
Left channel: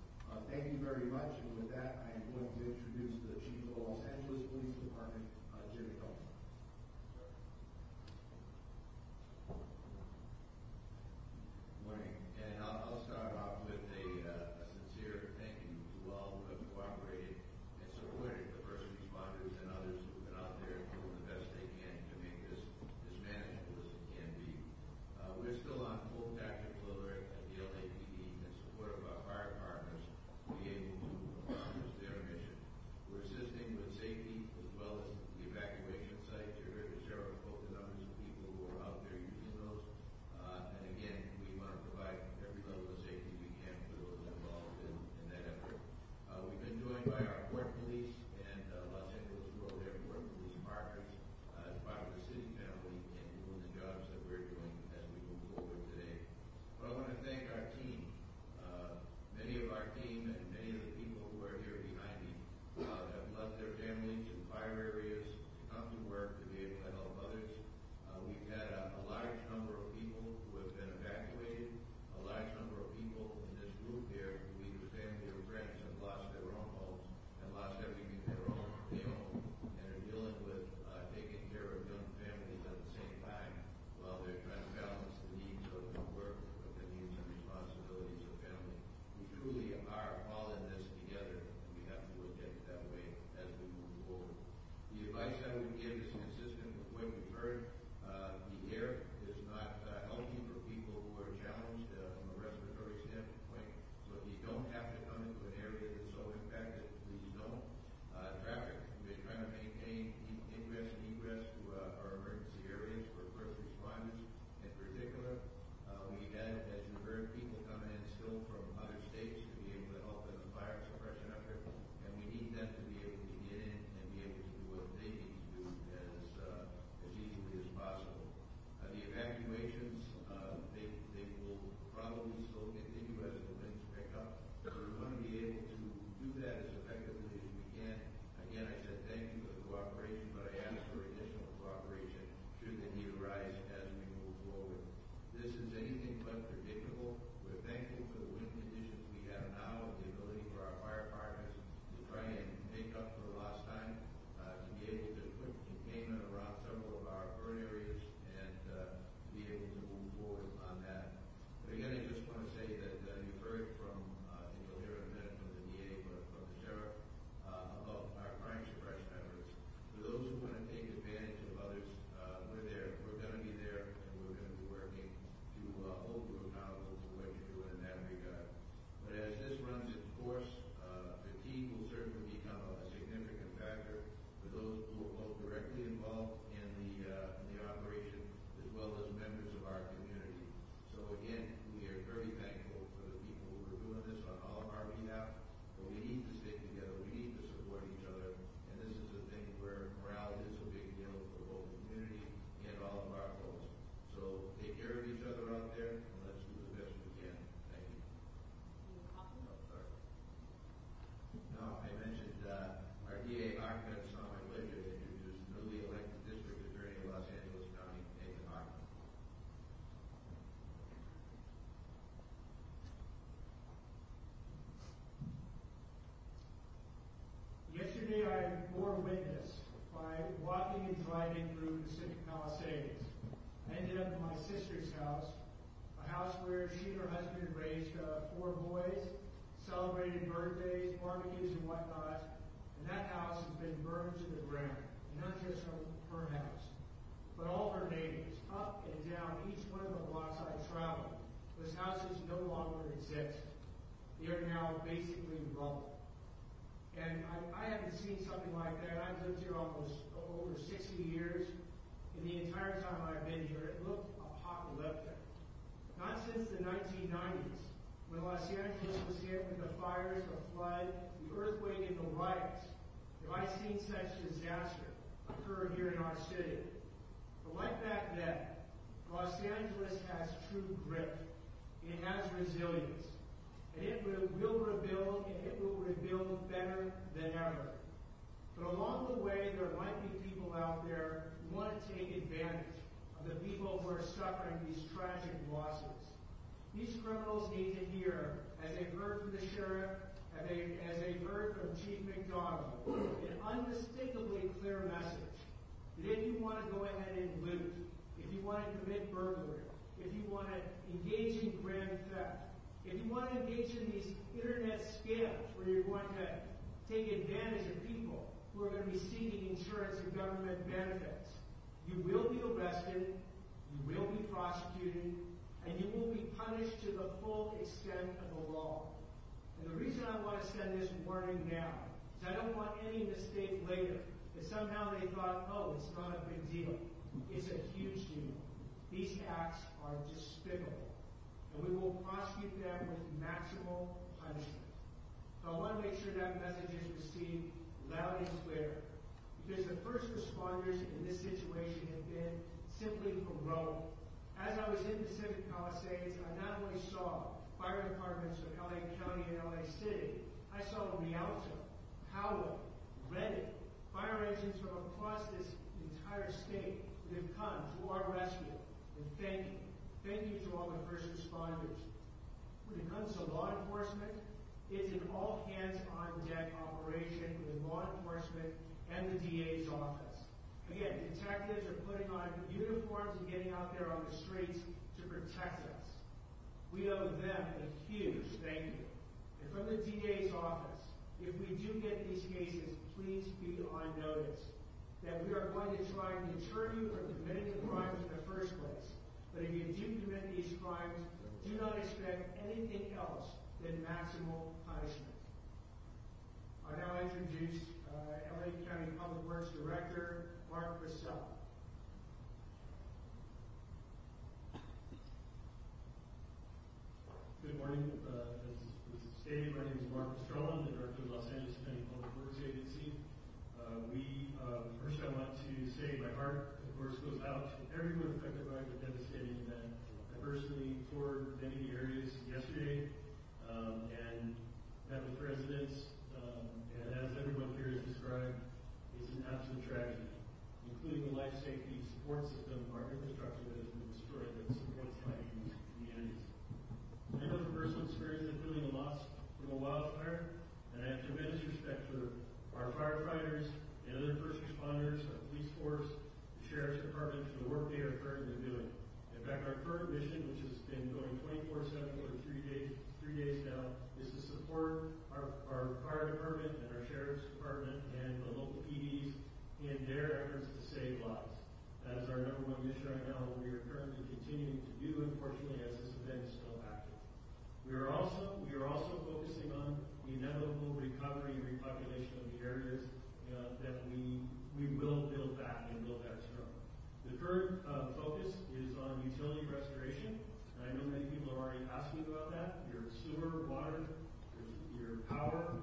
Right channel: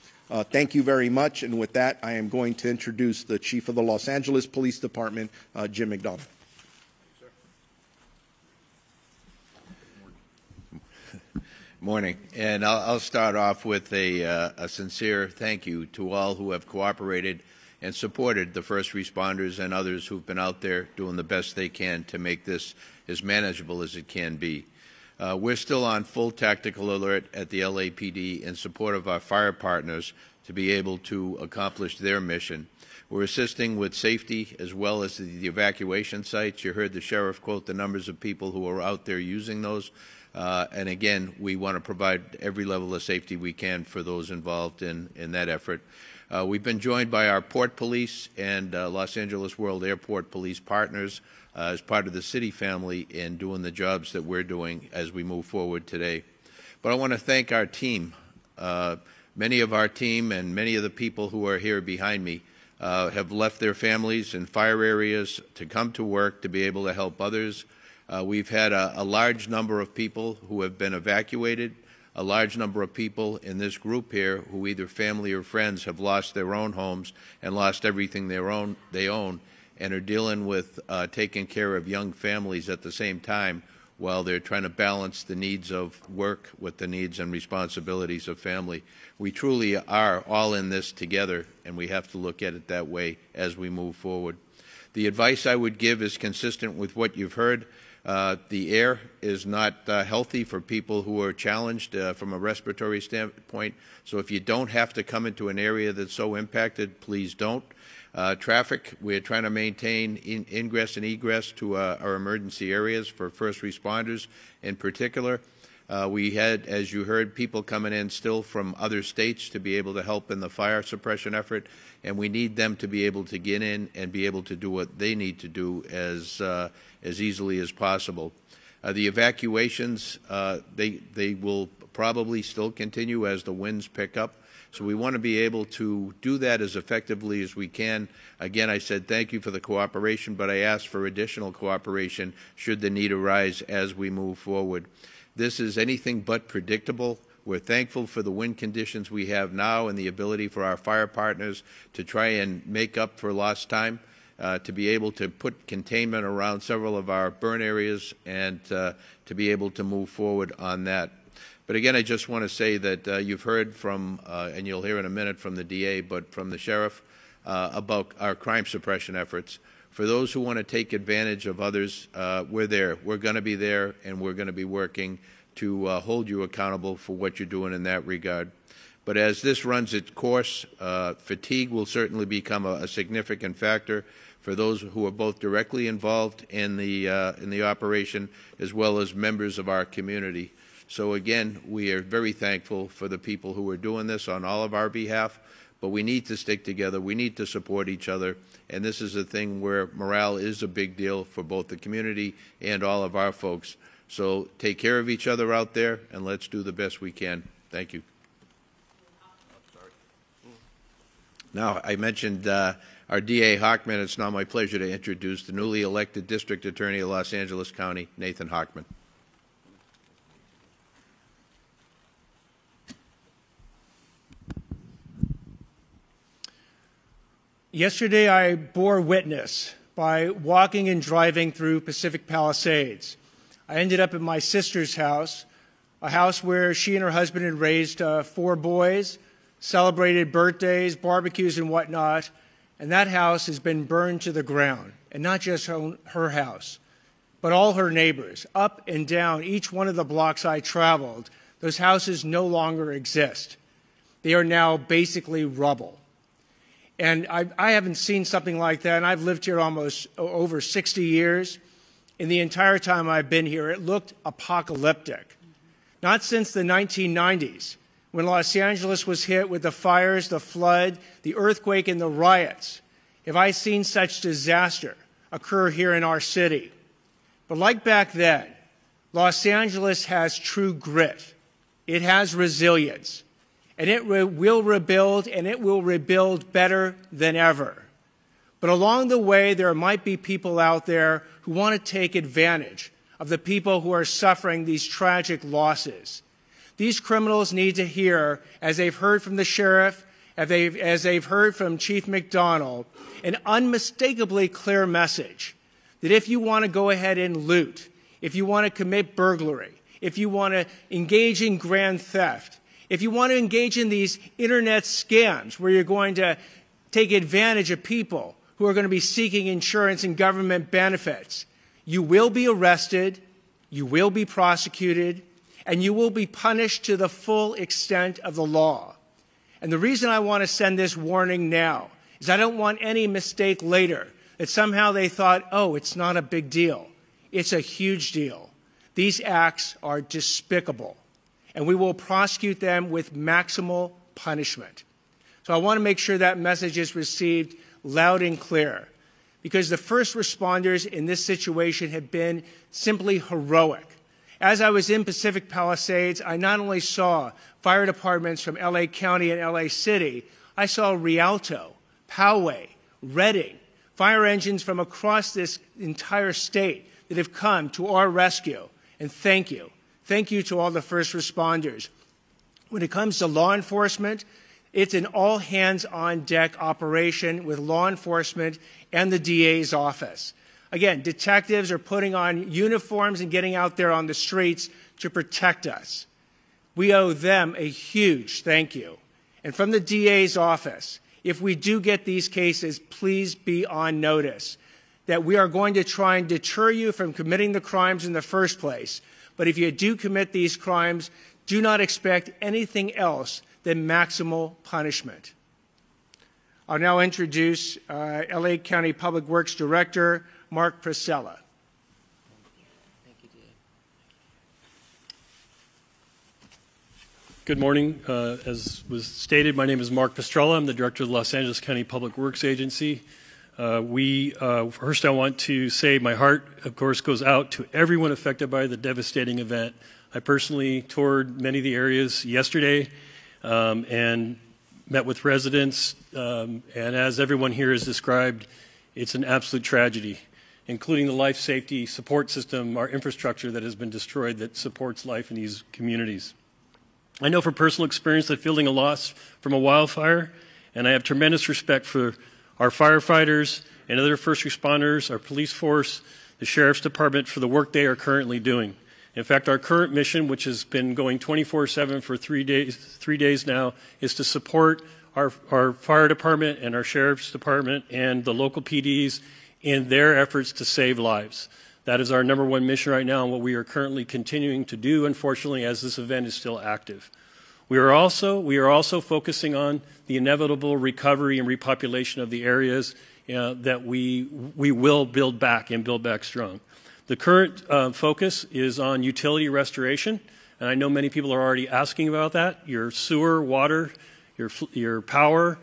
Thank you very much. And with that, I am going to introduce the Chief of the Los Angeles Police Department, Jim McDonald. Morning, and I'll start off with a sincere thank you to all who have cooperated and supported the first responders and others who've been out there doing the best they can to make this as manageable as it can be. We're still on full tactical alert at the LAPD in support of our fire partners to be able to accomplish their mission. We're assisting with safety as well as the evacuation sites. You heard the sheriff quote the numbers of people who are out there using those. And again, we want to provide every level of safety we can for those involved in that effort. We've been joined by our Port Police and Los Angeles World Airport Police partners as part of the city family in doing the jobs that we're doing as we move forward today. But I want to thank our team. Many of our team and many of the people who are here behind me have left their families in fire areas to come to work to be able to help others. We've had a large number of people who have been evacuated, a large number of people in this group here who either family or friends have lost their own homes and lost everything they own and are dealing with taking care of young families at the same time while they're trying to balance the needs of work with the needs and responsibilities of family. We truly are all in this together, and we have to look at it that way as we move forward. The advice I would give is consistent with what you've heard. The air is not healthy for people who are challenged from a respiratory standpoint. So if you don't have to come into an area that's so impacted, please don't. Traffic, we're trying to maintain ingress and egress to our emergency areas for first responders in particular. We had, as you heard, people coming in still from other states to be able to help in the fire suppression effort, and we need them to be able to get in and be able to do what they need to do as easily as possible. The evacuations, they will probably still continue as the winds pick up. So we want to be able to do that as effectively as we can. Again, I said thank you for the cooperation, but I ask for additional cooperation should the need arise as we move forward. This is anything but predictable. We're thankful for the wind conditions we have now and the ability for our fire partners to try and make up for lost time. To be able to put containment around several of our burn areas and to be able to move forward on that. But again, I just want to say that you've heard from, and you'll hear in a minute from the DA, but from the sheriff about our crime suppression efforts. For those who want to take advantage of others, we're there. We're going to be there, and we're going to be working to hold you accountable for what you're doing in that regard. But as this runs its course, fatigue will certainly become a significant factor for those who are both directly involved in the operation as well as members of our community. So again, we are very thankful for the people who are doing this on all of our behalf, but we need to stick together. We need to support each other, and this is a thing where morale is a big deal for both the community and all of our folks. So take care of each other out there, and let's do the best we can. Thank you. Now, I mentioned our DA Hochman. It's now my pleasure to introduce the newly elected District Attorney of Los Angeles County, Nathan Hochman. Yesterday, I bore witness by walking and driving through Pacific Palisades. I ended up at my sister's house, a house where she and her husband had raised 4 boys, celebrated birthdays, barbecues, and whatnot, and that house has been burned to the ground. And not just her house, but all her neighbors. Up and down each one of the blocks I traveled, those houses no longer exist. They are now basically rubble. And I haven't seen something like that, and I've lived here almost over 60 years. In the entire time I've been here, it looked apocalyptic. Not since the 1990s, when Los Angeles was hit with the fires, the flood, the earthquake, and the riots, have I seen such disaster occur here in our city. But like back then, Los Angeles has true grit. it has resilience, and it will rebuild, and it will rebuild better than ever. But along the way, there might be people out there who want to take advantage of the people who are suffering these tragic losses. These criminals need to hear, as they've heard from the sheriff, as they've heard from Chief McDonald, an unmistakably clear message that if you want to go ahead and loot, if you want to commit burglary, if you want to engage in grand theft, if you want to engage in these internet scams where you're going to take advantage of people who are going to be seeking insurance and government benefits, you will be arrested, you will be prosecuted, and you will be punished to the full extent of the law. And the reason I want to send this warning now is I don't want any mistake later that somehow they thought, oh, it's not a big deal. It's a huge deal. These acts are despicable, and we will prosecute them with maximal punishment. So I want to make sure that message is received loud and clear, because the first responders in this situation have been simply heroic. As I was in Pacific Palisades, I not only saw fire departments from LA County and LA City, I saw Rialto, Poway, Redding, fire engines from across this entire state that have come to our rescue. And thank you. Thank you to all the first responders. When it comes to law enforcement, it's an all-hands-on-deck operation with law enforcement and the DA's office. Again, detectives are putting on uniforms and getting out there on the streets to protect us. We owe them a huge thank you. And from the DA's office, if we do get these cases, please be on notice that we are going to try and deter you from committing the crimes in the first place. But if you do commit these crimes, do not expect anything else than maximal punishment. I'll now introduce LA County Public Works Director Mark Priscilla. Good morning. As was stated, my name is Mark Pistrella. I'm the Director of the Los Angeles County Public Works Agency. First I want to say my heart, of course, goes out to everyone affected by the devastating event. I personally toured many of the areas yesterday and met with residents, and as everyone here has described, it's an absolute tragedy, including the life safety support system, our infrastructure that has been destroyed that supports life in these communities. I know from personal experience that fielding a loss from a wildfire, and I have tremendous respect for our firefighters and other first responders, our police force, the Sheriff's Department for the work they are currently doing. In fact, our current mission, which has been going 24/7 for 3 days now, is to support our fire department and our Sheriff's Department and the local PDs in their efforts to save lives. That is our #1 mission right now and what we are currently continuing to do, unfortunately, as this event is still active. We are also focusing on the inevitable recovery and repopulation of the areas that we will build back and build back strong. The current focus is on utility restoration, and I know many people are already asking about that. Your sewer, water, your power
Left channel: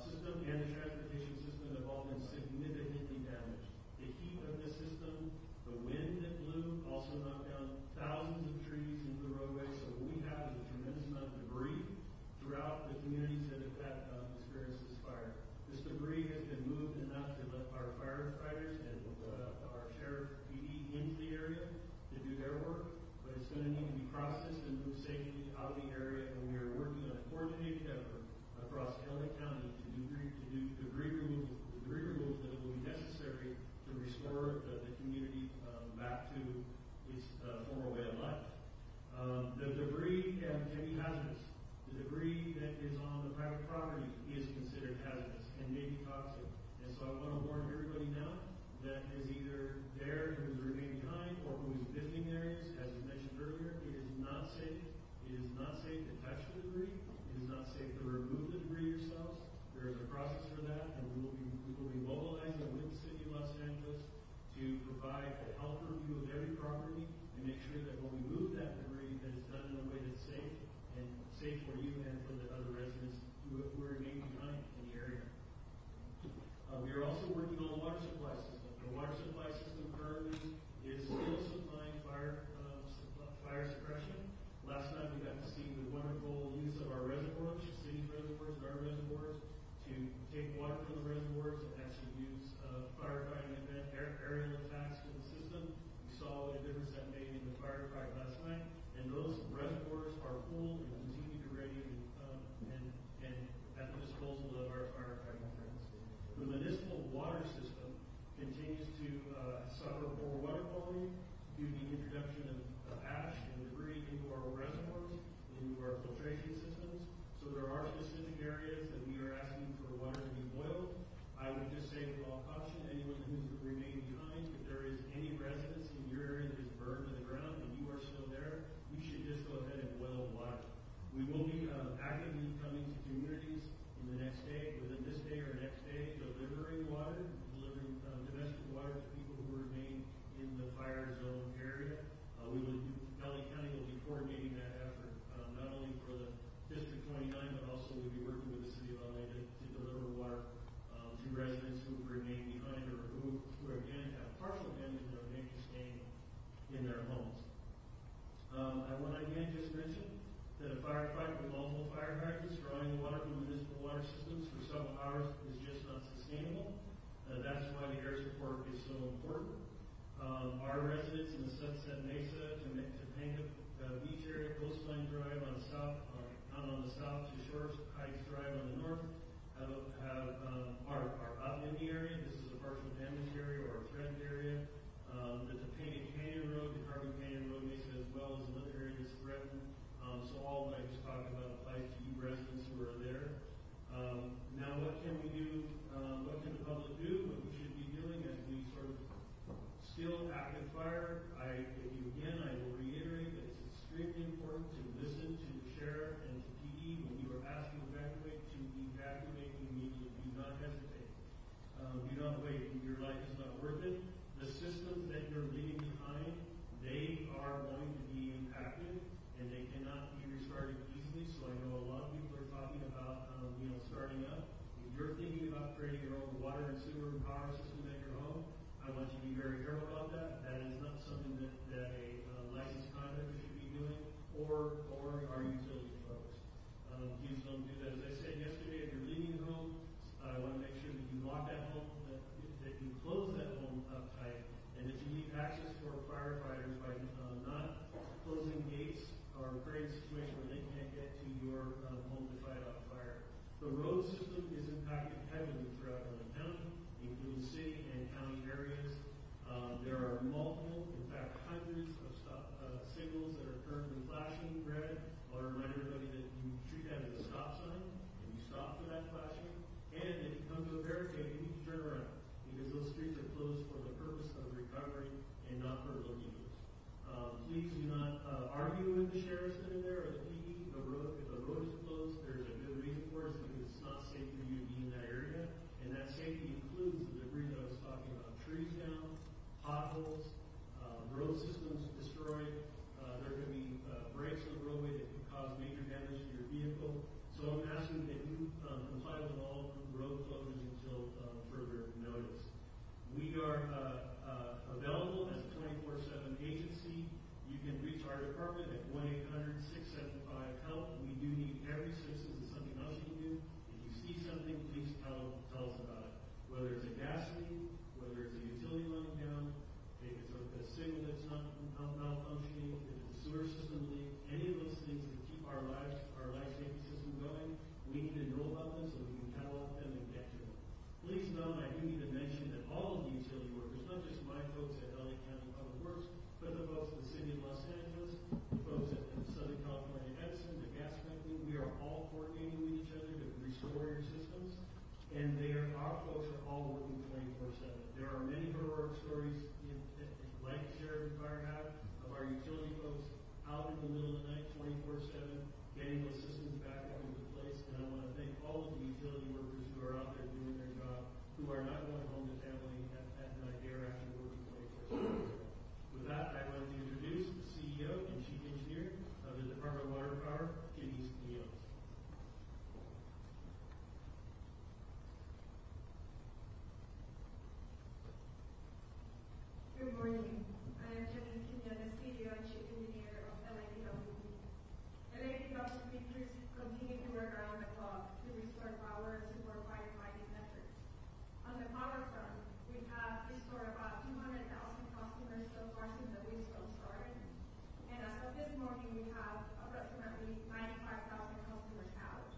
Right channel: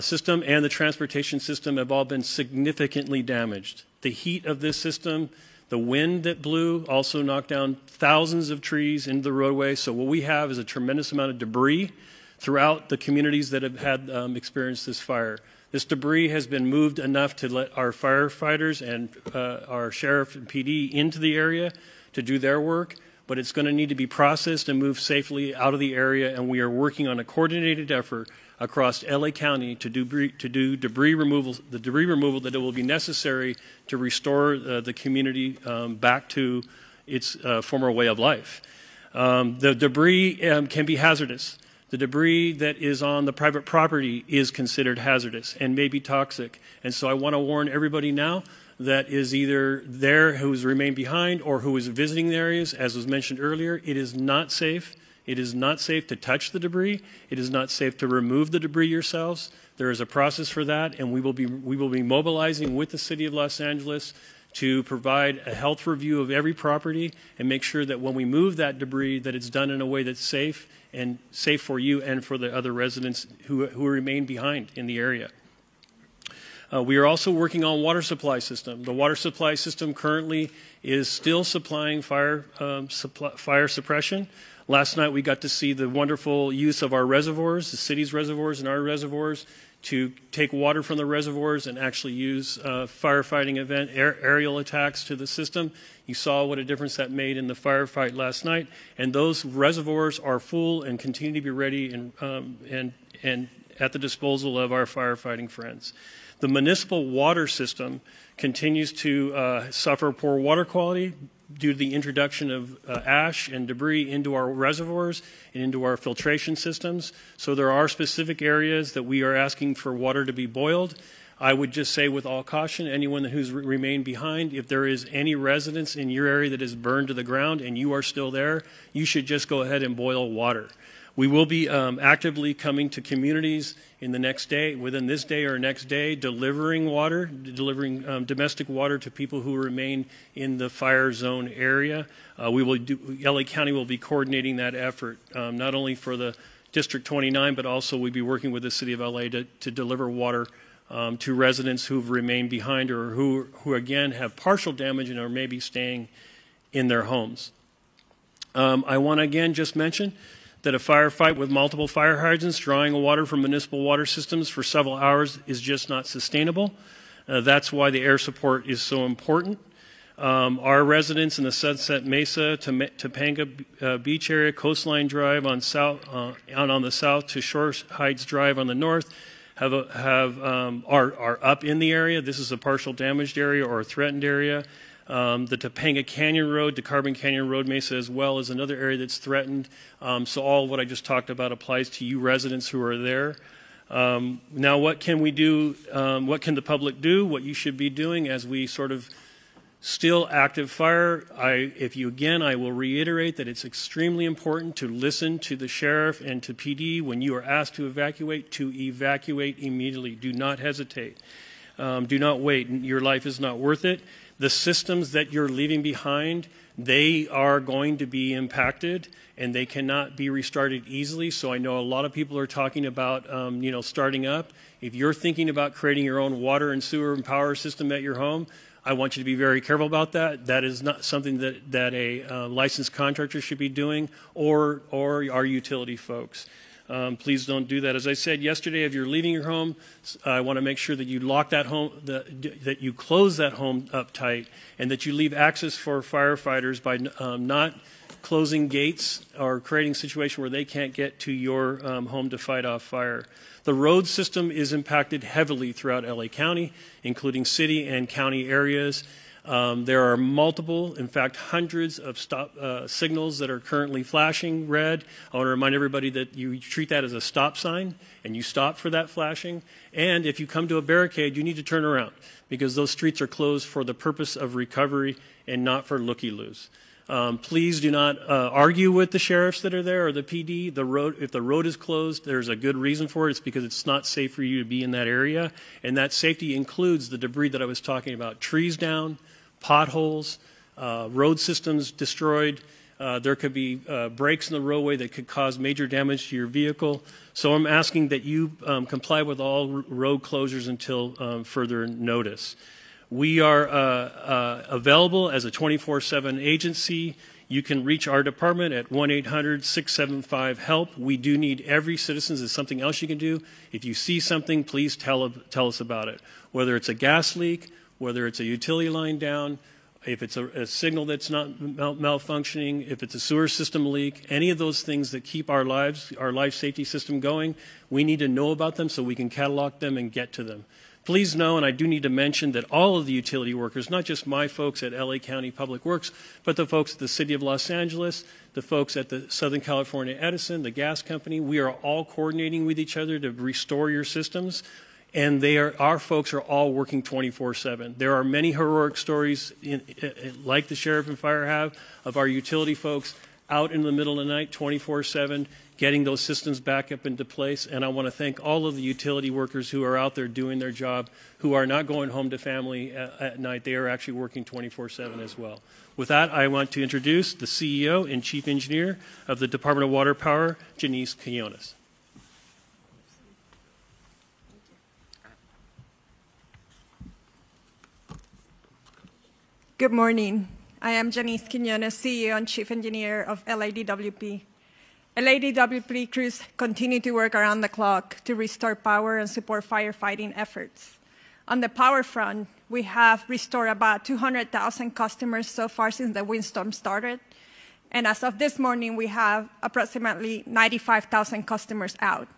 system, and the transportation system have all been significantly damaged. The heat of this system, the wind that blew also knocked down thousands of trees into the roadway. So what we have is a tremendous amount of debris throughout the communities that have had experienced this fire. This debris has been moved enough to let our firefighters and our sheriff and PD into the area to do their work, but it's going to need to be processed and moved safely out of the area, and we are working on a coordinated effort across LA County to do debris removal, the debris removal that it will be necessary to restore the community back to its former way of life. The debris can be hazardous. The debris that is on the private property is considered hazardous and may be toxic. And so I want to warn everybody now that is either there who's remained behind or who is visiting the areas, as was mentioned earlier, it is not safe. It is not safe to touch the debris. It is not safe to remove the debris yourselves. There is a process for that, and we will be mobilizing with the City of Los Angeles to provide a health review of every property and make sure that when we move that debris that it's done in a way that's safe and safe for you and for the other residents who remain behind in the area. We are also working on water supply system. The water supply system currently is still supplying fire suppression. Last night we got to see the wonderful use of our reservoirs, the city's reservoirs and our reservoirs, to take water from the reservoirs and actually use firefighting event aerial attacks to the system. You saw what a difference that made in the firefight last night, and those reservoirs are full and continue to be ready and at the disposal of our firefighting friends. The municipal water system continues to suffer poor water quality due to the introduction of ash and debris into our reservoirs and into our filtration systems. So there are specific areas that we are asking for water to be boiled. I would just say with all caution, anyone who's remained behind, if there is any residence in your area that is burned to the ground and you are still there, you should just go ahead and boil water. We will be actively coming to communities in the next day, within this day or next day, delivering water, delivering domestic water to people who remain in the fire zone area. LA County will be coordinating that effort, not only for the District 29, but also we'll be working with the City of LA to deliver water to residents who've remained behind or who again have partial damage and are maybe staying in their homes. I want to again just mention that a firefight with multiple fire hydrants drawing water from municipal water systems for several hours is just not sustainable. That's why the air support is so important. Our residents in the Sunset Mesa, Topanga Beach area, Coastline Drive on the south to Shore Heights Drive on the north are up in the area. This is a partial damaged area or a threatened area. The Topanga Canyon Road, the Carbon Canyon Road Mesa as well is another area that's threatened. So all of what I just talked about applies to you residents who are there. Now what can we do, what can the public do, what you should be doing as we sort of still active fire? I will reiterate that it's extremely important to listen to the sheriff and to PD when you are asked to evacuate immediately. Do not hesitate. Do not wait. Your life is not worth it. The systems that you're leaving behind, they are going to be impacted and they cannot be restarted easily. So I know a lot of people are talking about, starting up. If you're thinking about creating your own water and sewer and power system at your home, I want you to be very careful about that. That is not something that a licensed contractor should be doing or our utility folks. Please don't do that. As I said yesterday, if you're leaving your home, I want to make sure that you lock that home, that you close that home up tight, and that you leave access for firefighters by not closing gates or creating a situation where they can't get to your home to fight off fire. The road system is impacted heavily throughout LA County, including city and county areas. There are multiple, in fact, hundreds of stop signals that are currently flashing red. I want to remind everybody that you treat that as a stop sign and you stop for that flashing. And if you come to a barricade, you need to turn around because those streets are closed for the purpose of recovery and not for looky-loos. Please do not argue with the sheriffs that are there or the PD. If the road is closed, there's a good reason for it. It's because it's not safe for you to be in that area. And that safety includes the debris that I was talking about. Trees down, potholes, road systems destroyed. There could be breaks in the roadway that could cause major damage to your vehicle. So I'm asking that you comply with all road closures until further notice. We are available as a 24/7 agency. You can reach our department at 1-800-675-HELP. We do need every citizen. There's something else you can do. If you see something, please tell us about it. Whether it's a gas leak, whether it's a utility line down, if it's a signal that's not malfunctioning, if it's a sewer system leak, any of those things that keep our life safety system going, we need to know about them so we can catalog them and get to them. Please know, and I do need to mention, that all of the utility workers, not just my folks at LA County Public Works, but the folks at the City of Los Angeles, the folks at the Southern California Edison, the gas company, we are all coordinating with each other to restore your systems. And our folks are all working 24/7. There are many heroic stories, like the sheriff and fire have, of our utility folks out in the middle of the night, 24/7, getting those systems back up into place. And I want to thank all of the utility workers who are out there doing their job, who are not going home to family at night. They are actually working 24/7 as well. With that, I want to introduce the CEO and Chief Engineer of the Department of Water Power, Janice Quinones. Good morning. I am Janice Quinones, CEO and Chief Engineer of LIDWP. LADWP crews continue to work around the clock to restore power and support firefighting efforts. On the power front, we have restored about 200,000 customers so far since the windstorm started. And as of this morning, we have approximately 95,000 customers out.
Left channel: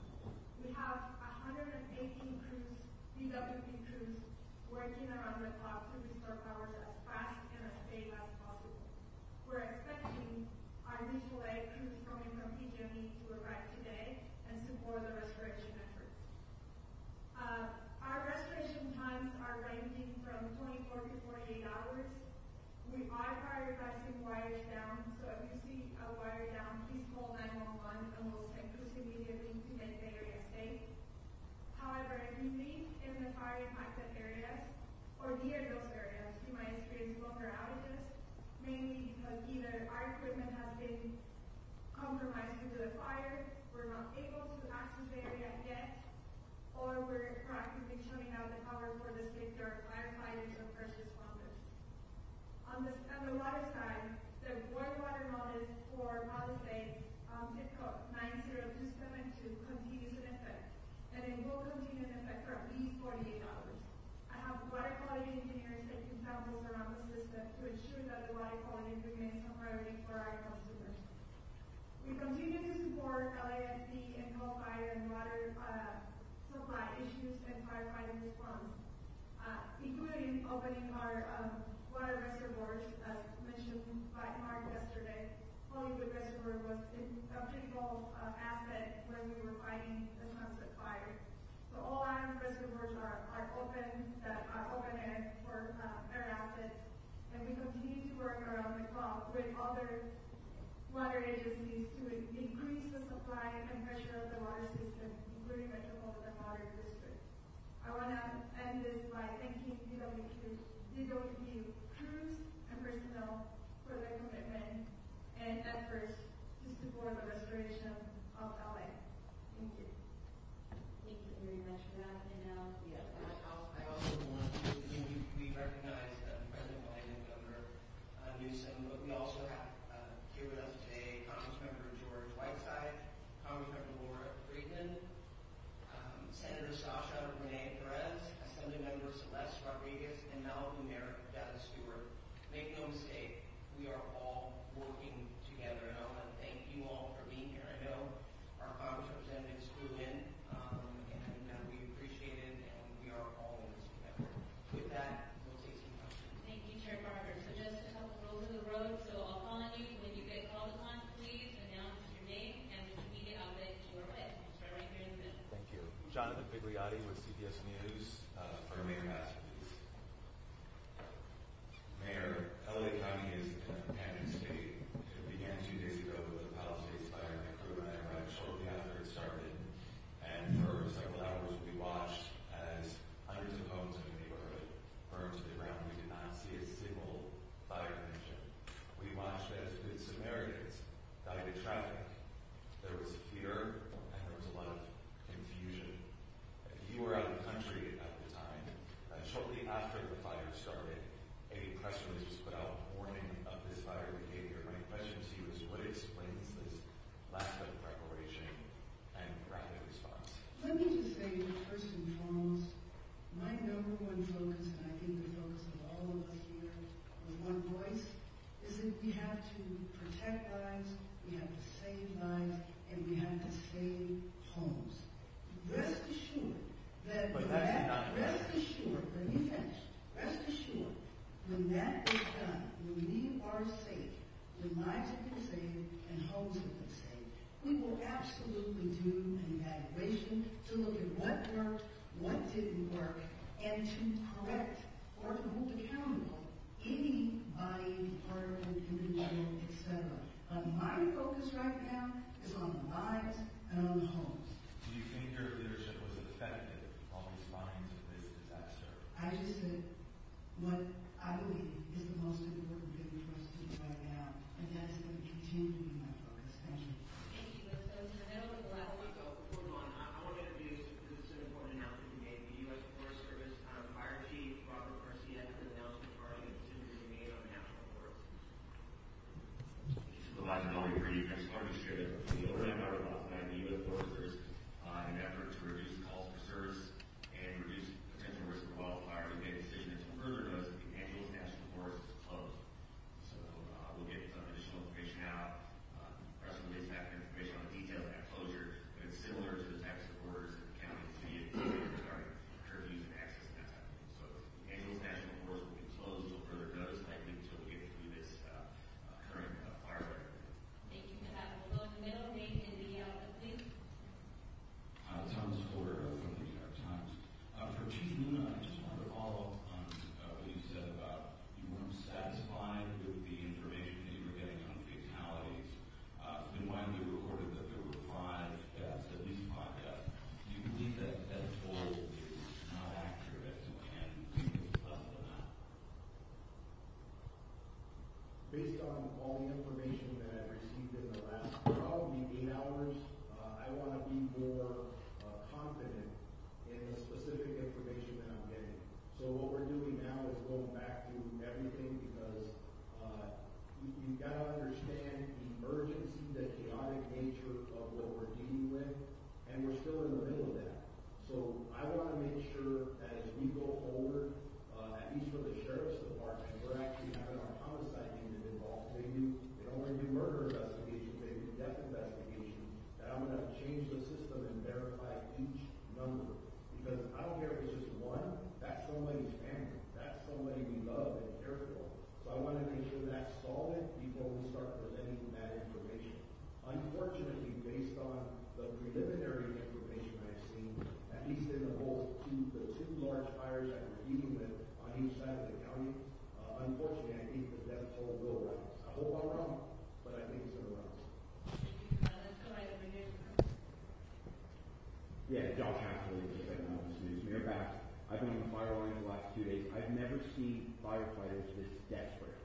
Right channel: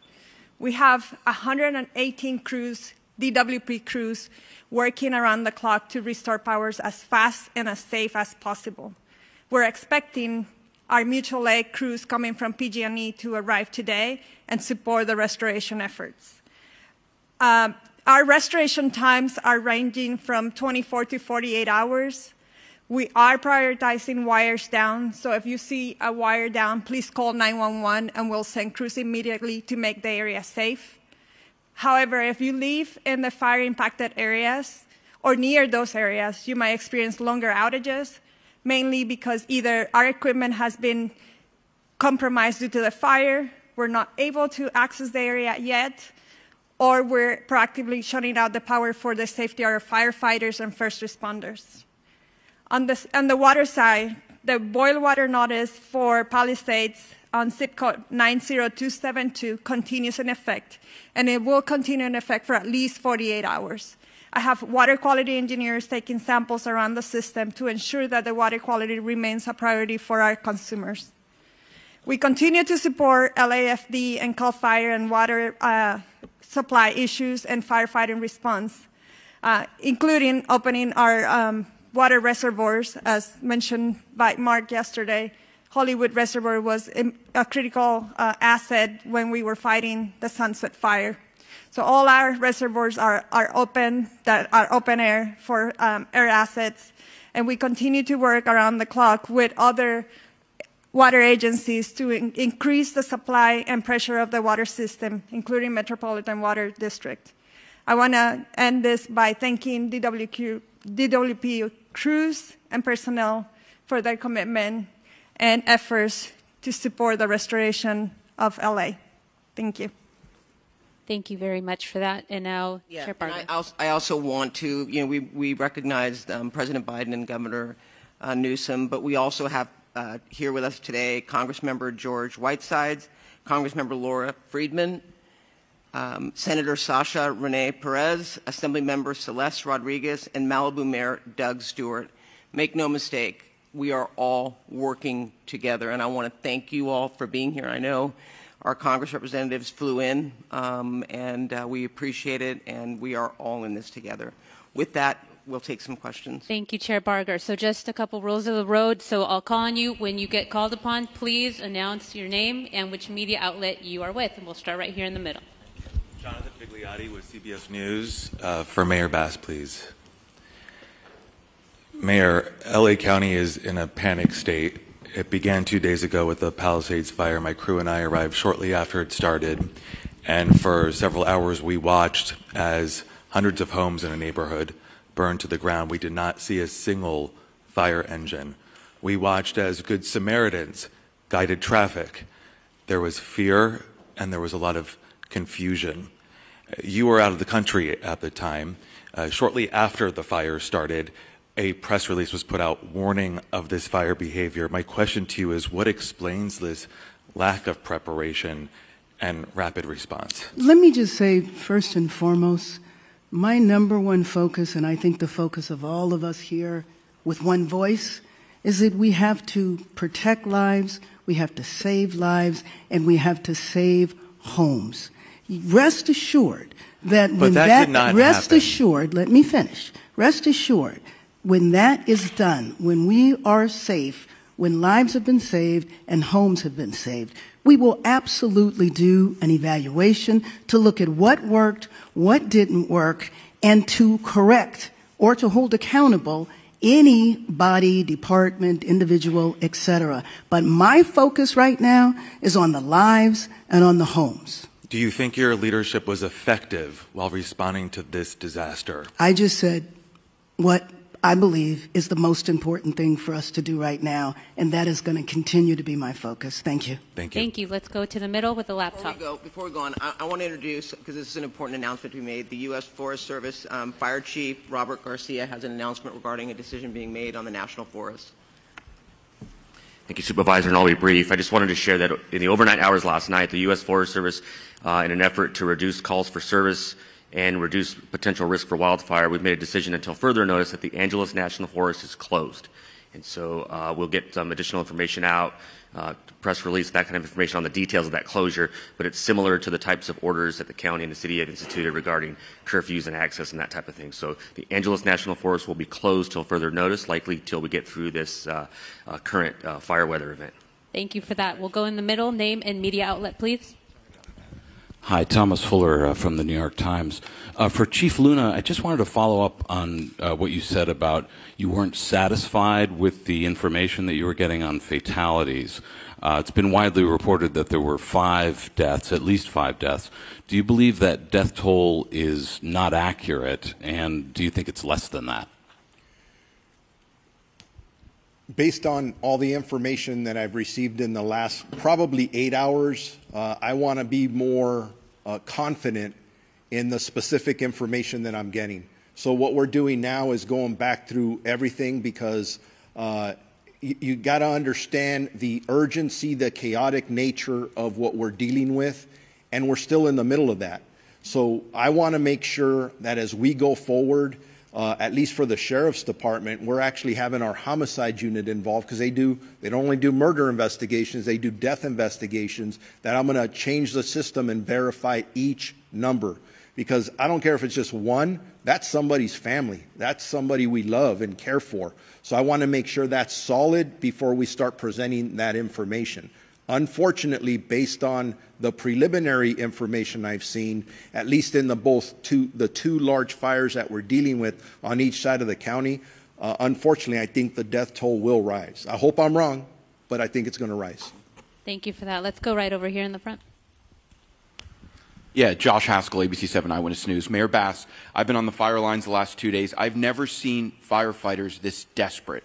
We have 118 crews, DWP crews, working around the clock to restore powers as fast and as safe as possible. We're expecting our mutual aid crews coming from PG&E to arrive today and support the restoration efforts. Our restoration times are ranging from 24 to 48 hours. We are prioritizing wires down, so if you see a wire down, please call 911 and we'll send crews immediately to make the area safe. However, if you live in the fire-impacted areas or near those areas, you might experience longer outages, mainly because either our equipment has been compromised due to the fire, we're not able to access the area yet, or we're proactively shutting out the power for the safety of our firefighters and first responders. On the water side, the boil water notice for Palisades on zip code 90272 continues in effect, and it will continue in effect for at least 48 hours. I have water quality engineers taking samples around the system to ensure that the water quality remains a priority for our consumers. We continue to support LAFD and CAL FIRE and water supply issues and firefighting response, including opening our water reservoirs, as mentioned by Mark yesterday. Hollywood Reservoir was a critical asset when we were fighting the Sunset Fire. So all our reservoirs are open, that are open air for air assets, and we continue to work around the clock with other water agencies to increase the supply and pressure of the water system, including Metropolitan Water District. I want to end this by thanking DWP crews and personnel for their commitment and efforts to support the restoration of LA. Thank you. Thank you very much for that. And now, Chair Parker. I also want to, we recognized President Biden and Governor Newsom, but we also have here with us today Congressmember George Whitesides, Congressmember Laura Friedman, Senator Sasha Renee Perez, Assemblymember Celeste Rodriguez, and Malibu Mayor Doug Stewart. Make no mistake, we are all working together, and I want to thank you all for being here. I know our Congress representatives flew in, and we appreciate it, and we are all in this together. With that, we'll take some questions. Thank you, Chair Barger. So just a couple rules of the road. So I'll call on you. When you get called upon, please announce your name and which media outlet you are with. And we'll start right here in the middle. Jonathan Pigliotti with CBS News. For Mayor Bass, please. Mayor, LA County is in a panic state. It began 2 days ago with the Palisades fire. My crew and I arrived shortly after it started. And for several hours, we watched as hundreds of homes in a neighborhood burned to the ground. We did not see a single fire engine. We watched as Good Samaritans guided traffic. There was fear and there was a lot of confusion. You were out of the country at the time. Shortly after the fire started, a press release was put out warning of this fire behavior. My question to you is, what explains this lack of preparation and rapid response? Let me just say, first and foremost, my number one focus, and I think the focus of all of us here with one voice, is that we have to protect lives, we have to save lives, and we have to save homes. Rest assured that when rest assured, let me finish. Rest assured, when that is done, when we are safe, when lives have been saved and homes have been saved, we will absolutely do an evaluation to look at what worked, what didn't work, and to correct or to hold accountable any body, department, individual, etc. But my focus right now is on the lives and on the homes. Do you think your leadership was effective while responding to this disaster? I just said what I believe is the most important thing for us to do right now, and that is going to continue to be my focus. Thank you. Thank you. Thank you. Let's go to the middle with the laptop. Before we go on, I want to introduce, because this is an important announcement we made, the U.S. Forest Service Fire Chief Robert Garcia has an announcement regarding a decision being made on the National Forest. Thank you, Supervisor, and I'll be brief. I just wanted to share that in the overnight hours last night, the U.S. Forest Service, in an effort to reduce calls for service and reduce potential risk for wildfire, we've made a decision until further notice that the Angeles National Forest is closed. And so we'll get some additional information out, press release, that kind of information on the details of that closure, but it's similar to the types of orders that the county and the city have instituted regarding curfews and access and that type of thing. So the Angeles National Forest will be closed till further notice, likely till we get through this current fire weather event. Thank you for that. We'll go in the middle. Name and media outlet, please. Hi, Thomas Fuller from the New York Times. For Chief Luna, I just wanted to follow up on what you said about you weren't satisfied with the information that you were getting on fatalities. It's been widely reported that there were 5 deaths, at least 5 deaths. Do you believe that death toll is not accurate, and do you think it's less than that? Based on all the information that I've received in the last probably 8 hours, I want to be more confident in the specific information that I'm getting. So what we're doing now is going back through everything because you got to understand the urgency, the chaotic nature of what we're dealing with, and we're still in the middle of that. So I want to make sure that as we go forward, at least for the Sheriff's Department, we're actually having our homicide unit involved because they don't only do murder investigations, they do death investigations, that I'm going to change the system and verify each number. Because I don't care if it's just one, that's somebody's family. That's somebody we love and care for. So I want to make sure that's solid before we start presenting that information. Unfortunately, based on the preliminary information I've seen, at least in the two large fires that we're dealing with on each side of the county, unfortunately, I think the death toll will rise. I hope I'm wrong, but I think it's going to rise. Thank you for that. Let's go right over here in the front. Yeah, Josh Haskell, ABC 7 Eyewitness News. Mayor Bass, I've been on the fire lines the last 2 days. I've never seen firefighters this desperate.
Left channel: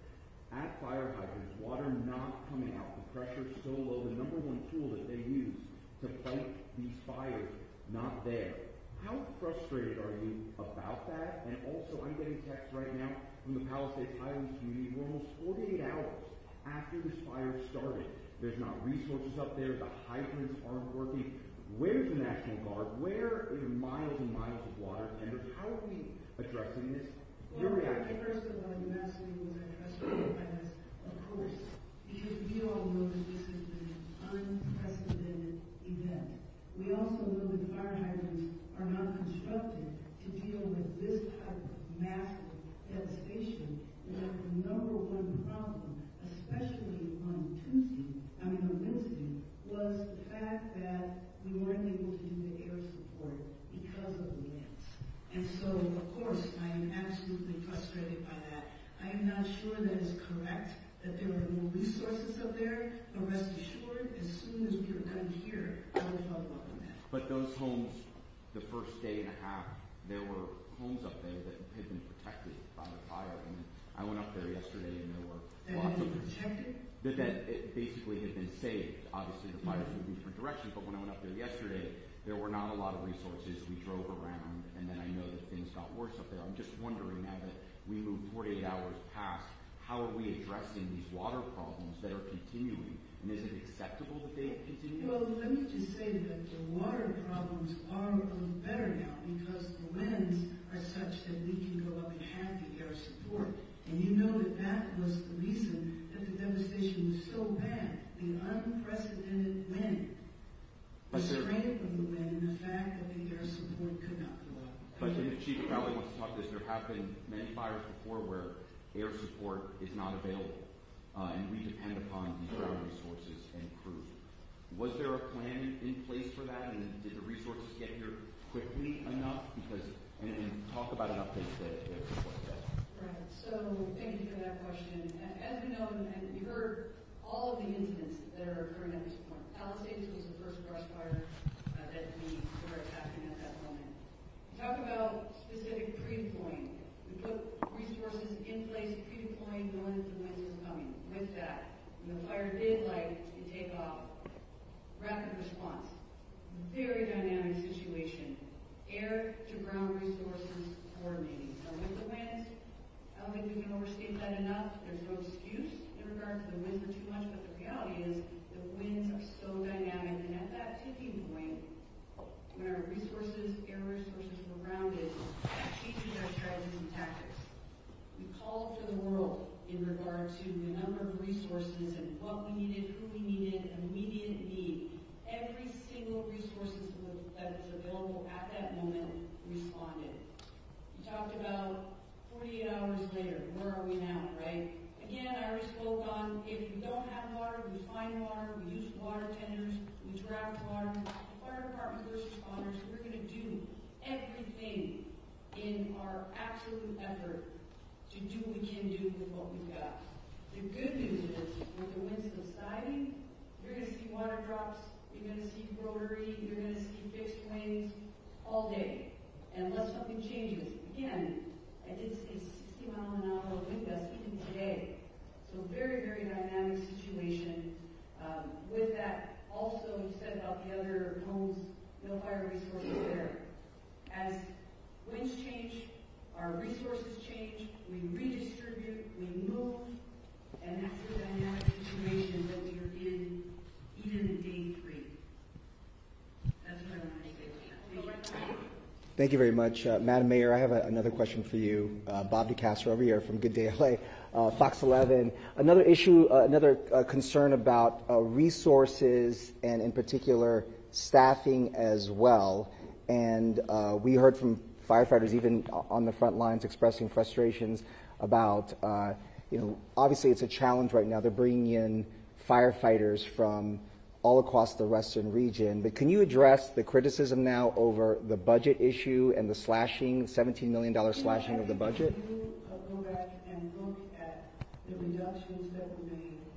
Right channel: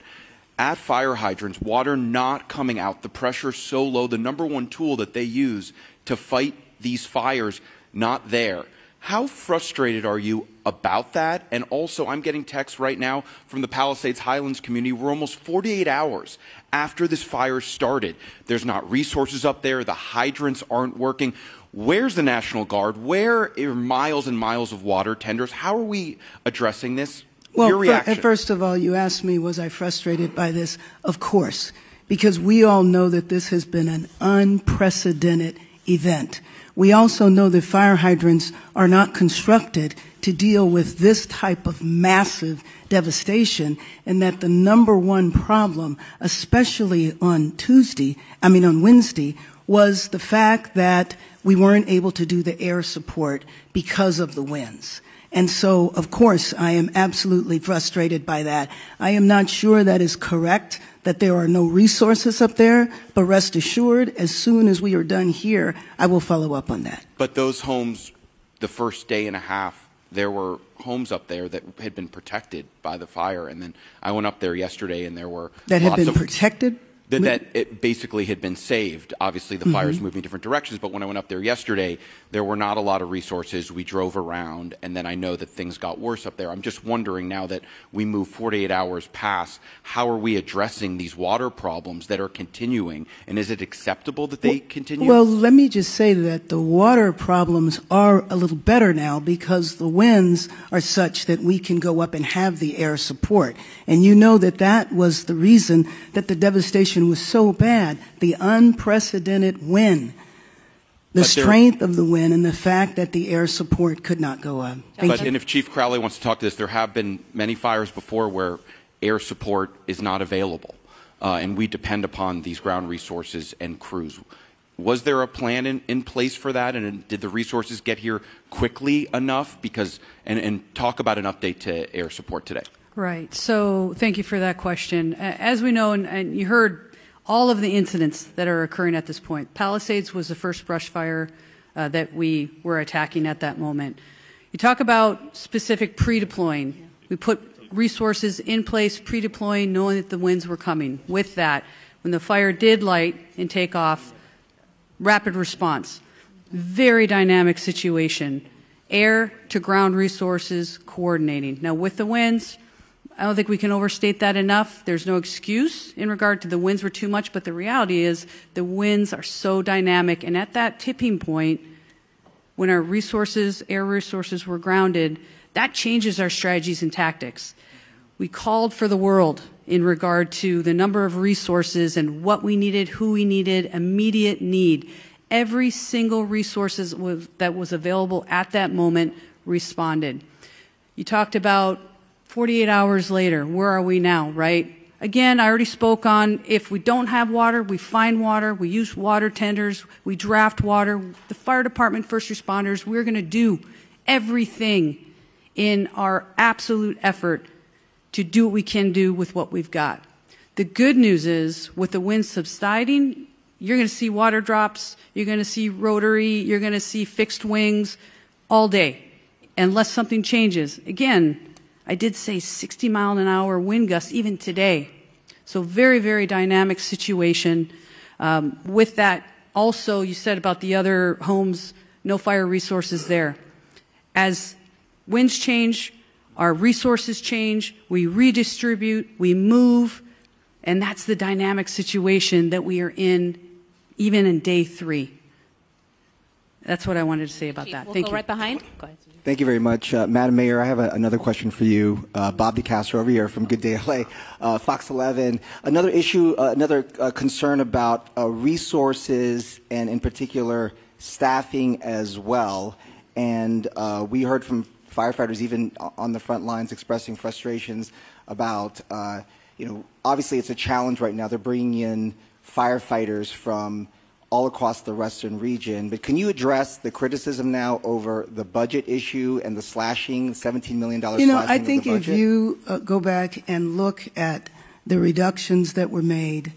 At fire hydrants, water not coming out, the pressure so low, the #1 tool that they use to fight these fires, not there. How frustrated are you about that? And also, I'm getting texts right now from the Palisades Highlands community. We're almost 48 hours after this fire started. There's not resources up there. The hydrants aren't working. Where's the National Guard? Where are miles and miles of water tenders? How are we addressing this? Well, Your reaction. first of all, you asked me, was I frustrated by this? Of course, because we all know that this has been an unprecedented event. We also know that fire hydrants are not constructed to deal with this type of massive devastation, and that the #1 problem, especially on Wednesday, was the fact that we weren't able to do the air support because of the winds. And so, of course, I am absolutely frustrated by that. I am not sure that is correct, that there are no resources up there, but rest assured, as soon as we are done here, I will follow up on that. But those homes, the first day and a half, there were homes up there that had been protected by the fire. And then I went up there yesterday and there were that had been protected? That it basically had been saved. Obviously, the fire's moving different directions, but when I went up there yesterday, there were not a lot of resources. We drove around, and then I know that things got worse up there. I'm just wondering, now that we move 48 hours past, how are we addressing these water problems that are continuing, and is it acceptable that they continue? Well, let me just say that the water problems are a little better now because the winds are such that we can go up and have the air support. And you know that that was the reason that the devastation was so bad, the unprecedented wind, the strength of the wind, and the fact that the air support could not go up. And if Chief Crowley wants to talk to this, there have been many fires before where air support is not available, and we depend upon these ground resources and crews. Was there a plan in place for that, and did the resources get here quickly enough? And talk about an update to air support today. Right. So thank you for that question. As we know, and you heard all of the incidents that are occurring at this point. Palisades was the first brush fire that we were attacking at that moment. You talk about specific pre-deploying. We put resources in place, pre-deploying, knowing that the winds were coming. With that, when the fire did light and take off, rapid response. Very dynamic situation. Air to ground resources coordinating. Now with the winds, I don't think we can overstate that enough. There's no excuse in regard to the winds were too much, but the reality is the winds are so dynamic, and at that tipping point, when our resources, air resources were grounded, that changes our strategies and tactics. We called for the world in regard to the number of resources and what we needed, who we needed, immediate need. Every single resource that was available at that moment responded. You talked about 48 hours later, where are we now, right? Again, I already spoke on if we don't have water, we find water, we use water tenders, we draft water. The fire department, first responders, we're going to do everything in our absolute effort to do what we can do with what we've got. The good news is, with the wind subsiding, you're going to see water drops, you're going to see rotary, you're going to see fixed wings all day, unless something changes. Again, I did say 60-mile-an-hour wind gusts even today. So very, very dynamic situation. With that, also, you said about the other homes, no fire resources there. As winds change, our resources change, we redistribute, we move, and that's the dynamic situation that we are in even in day 3. That's what I wanted to say about that. We'll Thank go you. right behind. Go ahead. Thank you very much. Madam Mayor, I have another question for you. Bob DeCastro over here from Good Day LA, Fox 11. Another issue, another concern about resources and in particular staffing as well. And we heard from firefighters even on the front lines expressing frustrations about, obviously it's a challenge right now. They're bringing in firefighters from all across the western region, but can you address the criticism now over the budget issue and the slashing, $17 million I think if you go back and look at the reductions that were made,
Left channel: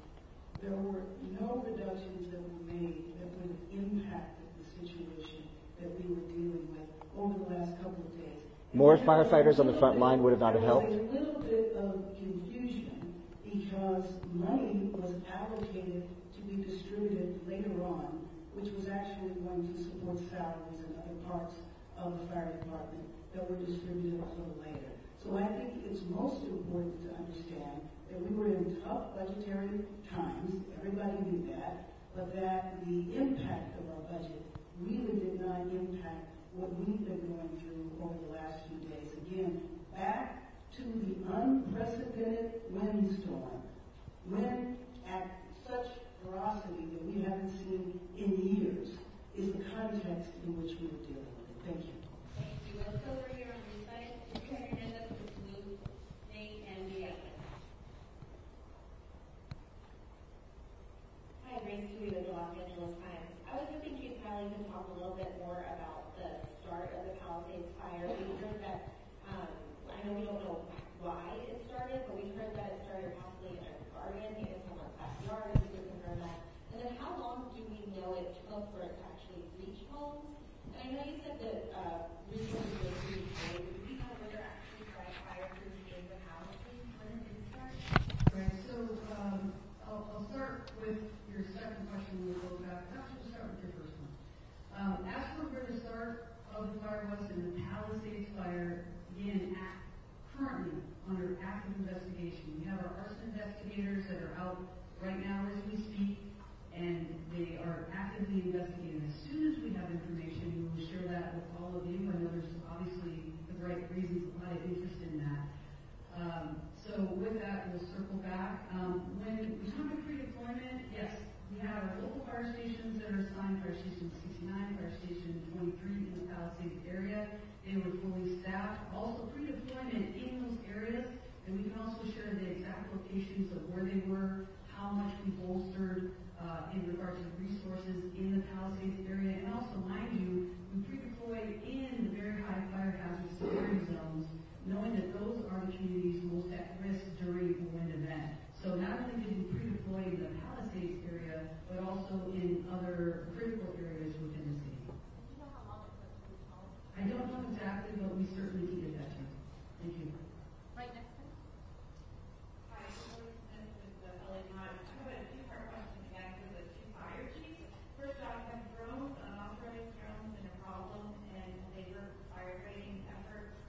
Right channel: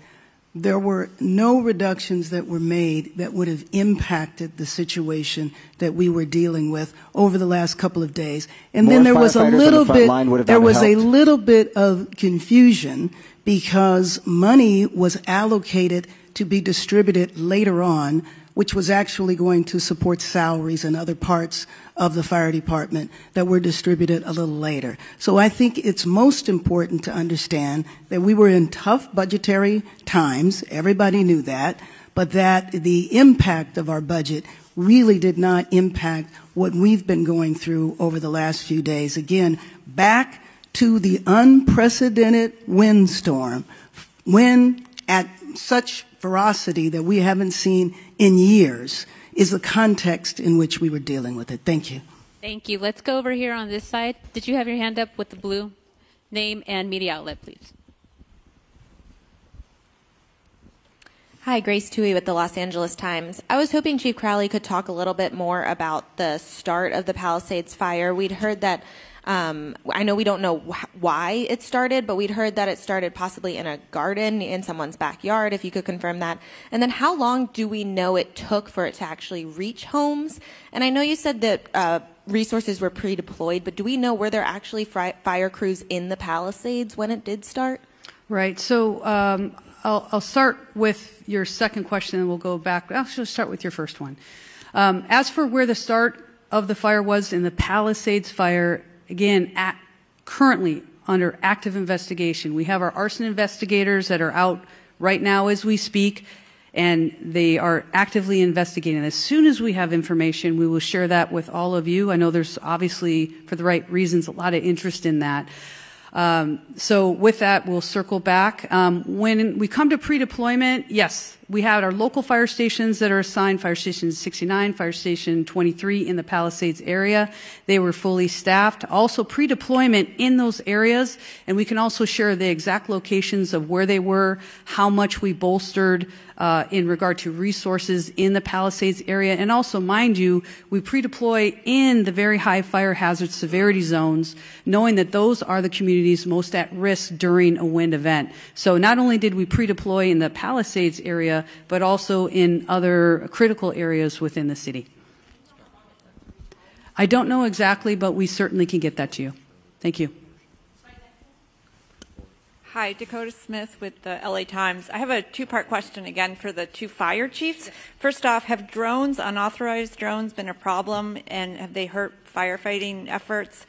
there were no reductions that were made that would have impacted the situation that we were dealing with over the last couple of days. And then there was a little bit of confusion because money was allocated to be distributed later on, which was actually going to support salaries and other parts of the fire department that were distributed a little later. So I think it's most important to understand that we were in tough budgetary times, everybody knew that, but that the impact of our budget really did not impact what we've been going through over the last few days. Again, back to the unprecedented windstorm, wind at such ferocity that we haven't seen in years is the context in which we were dealing with it. Thank you. Thank you. Let's go over here on this side. Did you have your hand up with the blue? Name and media outlet, please. Hi, Grace Tui with the Los Angeles Times. I was hoping Chief Crowley could talk a little bit more about the start of the Palisades fire. We'd heard that I know we don't know why it started, but we'd heard that it started possibly in a garden in someone's backyard, if you could confirm that. And then how long do we know it took for it to actually reach homes? And I know you said that resources were pre-deployed, but do we know were there actually fire crews in the Palisades when it did start? Right. So I'll start with your second question, and we'll go back. I'll actually start with your first one. As for where the start of the fire was in the Palisades fire, again, currently under active investigation. We have our arson investigators that are out right now as we speak, and they are actively investigating. As soon as we have information, we will share that with all of you. I know there's obviously, for the right reasons, a lot of interest in that. So with that, we'll circle back. When we come to pre-deployment, yes, we had our local fire stations that are assigned, Fire Station 69, Fire Station 23 in the Palisades area. They were fully staffed. Also pre-deployment in those areas, and we can also share the exact locations of where they were, how much we bolstered in regard to resources in the Palisades area. And also, mind you, we pre-deploy in the very high fire hazard severity zones, knowing that those are the communities most at risk during a wind event. So not only did we pre-deploy in the Palisades area, but also in other critical areas within the city. I don't know exactly, but we certainly can get that to you. Thank you. Hi, Dakota Smith with the LA Times. I have a two-part question again for the two fire chiefs. First off, have drones, unauthorized drones, been a problem, and have they hurt firefighting efforts?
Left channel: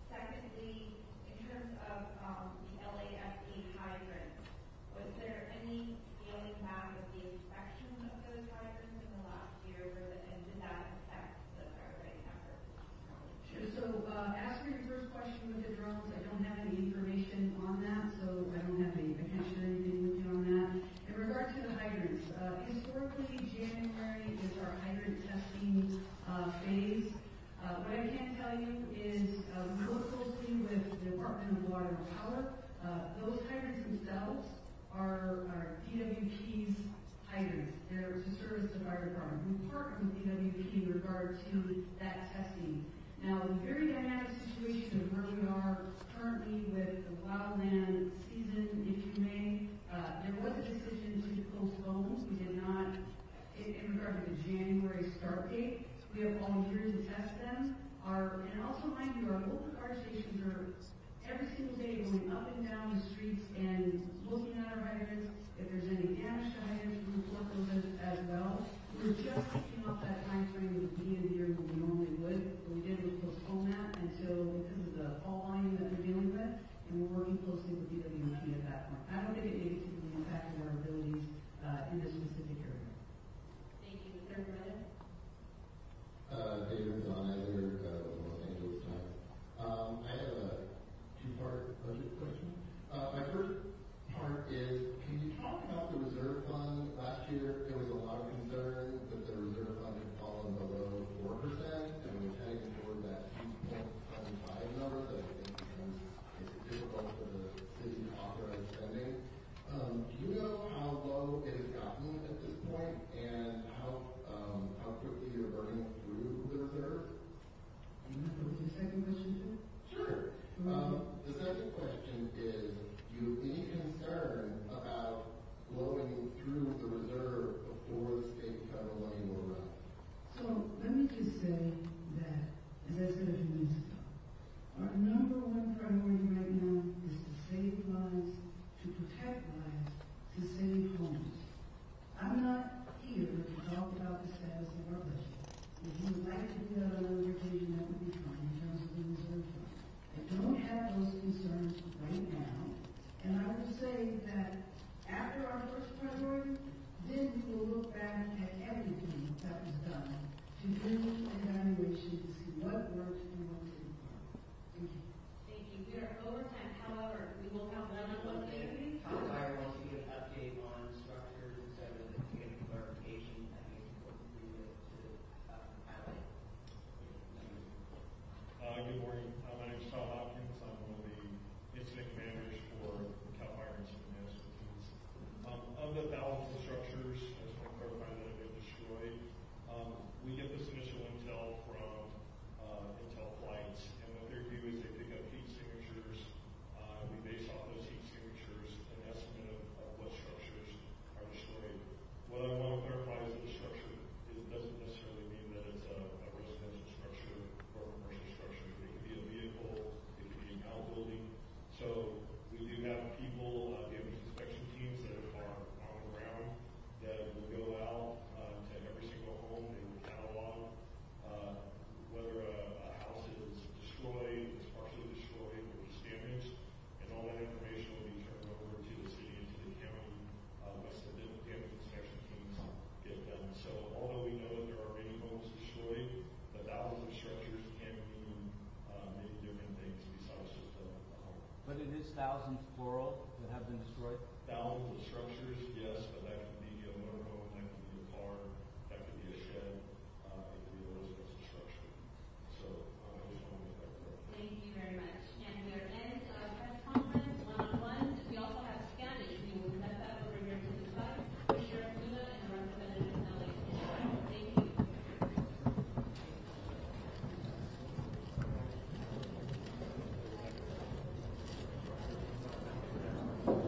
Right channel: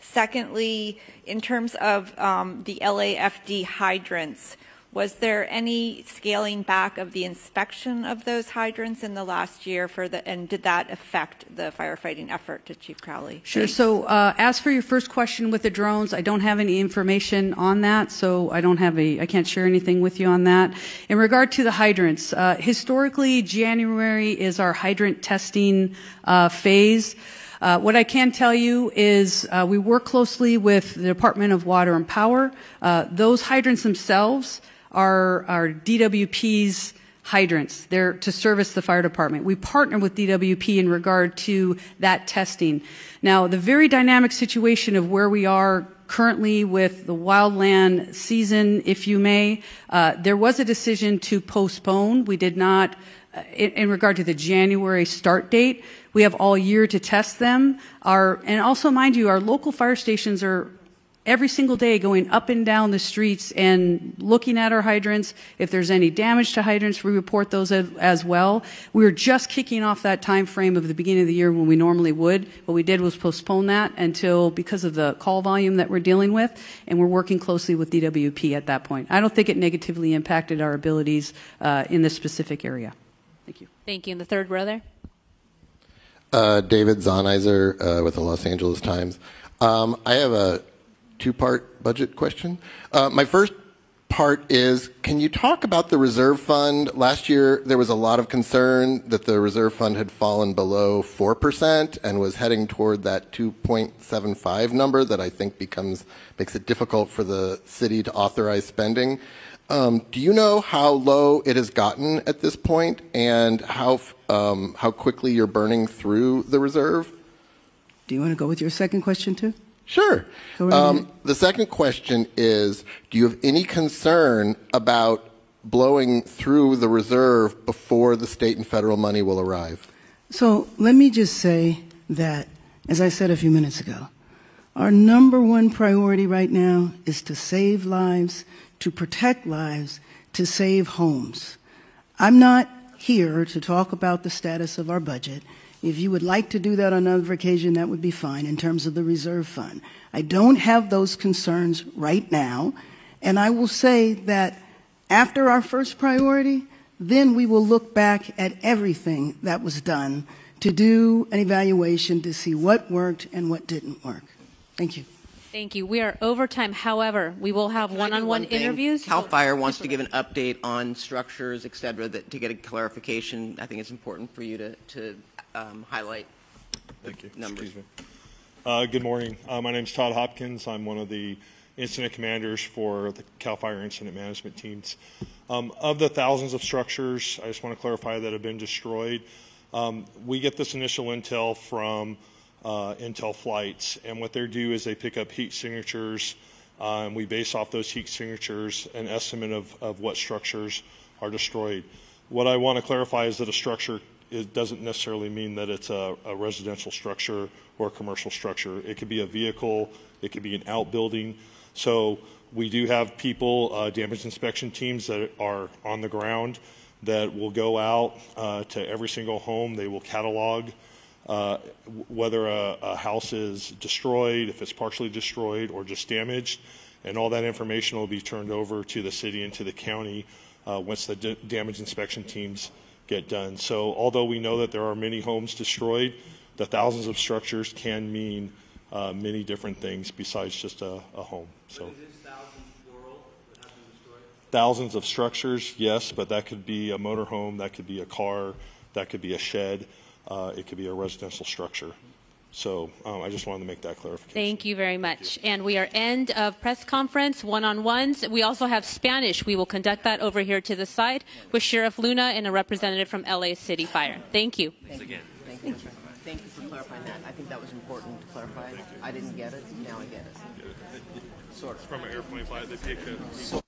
Secondly, in terms of the LAFD hydrants, was there any scaling back of the inspection of those hydrants in the last year and did that affect the firefighting effort, to Chief Crowley? Sure. Thanks. So as for your first question with the drones, I don't have any information on that, so I can't share anything with you on that. In regard to the hydrants, historically, January is our hydrant testing phase. What I can tell you is we work closely with the Department of Water and Power. Those hydrants themselves are DWP's hydrants. They're to service the fire department. We partner with DWP in regard to that testing. Now, the very dynamic situation of where we are currently with the wildland season, if you may, there was a decision to postpone. We did not, in regard to the January start date, we have all year to test them. And also, mind you, our local fire stations are every single day going up and down the streets and looking at our hydrants. If there's any damage to hydrants, we report those as well. We were just kicking off that time frame of the beginning of the year when we normally would. What we did was postpone that until, because of the call volume that we're dealing with, and we're working closely with DWP at that point. I don't think it negatively impacted our abilities in this specific area. Thank you. Thank you. In the third row there. David Zonizer with the Los Angeles Times. I have a two-part budget question. My first part is, can you talk about the reserve fund? Last year, there was a lot of concern that the reserve fund had fallen below 4% and was heading toward that 2.75 number that I think makes it difficult for the city to authorize spending. Do you know how low it has gotten at this point and how quickly you're burning through the reserve? Do you want to go with your second question too? Sure. The second question is, do you have any concern about blowing through the reserve before the state and federal money will arrive? So let me just say that, as I said a few minutes ago, our number one priority right now is to save lives, to protect lives, to save homes. I'm not here to talk about the status of our budget. If you would like to do that on another occasion, that would be fine in terms of the reserve fund. I don't have those concerns right now, and I will say that after our first priority, then we will look back at everything that was done to do an evaluation to see what worked and what didn't work. Thank you. Thank you. We are over time. However, we will have one-on-one interviews. CAL FIRE wants to give an update on structures, et cetera, to get a clarification. I think it's important for you to highlight numbers. Good morning. My name is Todd Hopkins. I'm one of the incident commanders for the CAL FIRE incident management teams. Of the thousands of structures, I just want to clarify, that have been destroyed, we get this initial intel from intel flights, and what they do is they pick up heat signatures, and we base off those heat signatures an estimate of what structures are destroyed. What I want to clarify is that a structure doesn't necessarily mean that it's a residential structure or a commercial structure. It could be a vehicle, it could be an outbuilding. So we do have people, damage inspection teams that are on the ground that will go out to every single home. They will catalog whether a house is destroyed, if it's partially destroyed or just damaged, and all that information will be turned over to the city and to the county once the damage inspection teams get done. So although we know that there are many homes destroyed, the thousands of structures can mean many different things besides just a home. So thousands of structures, yes, but that could be a motorhome, that could be a car, that could be a shed, it could be a residential structure. So I just wanted to make that clarification. Thank you very much. And we are end of press conference, one-on-ones. We also have Spanish. We will conduct that over here to the side with Sheriff Luna and a representative from LA City Fire. Thank you. Thank you for clarifying that. I think that was important to clarify. I didn't get it. Now I get it. Sort of. From an airplane flight, they take it.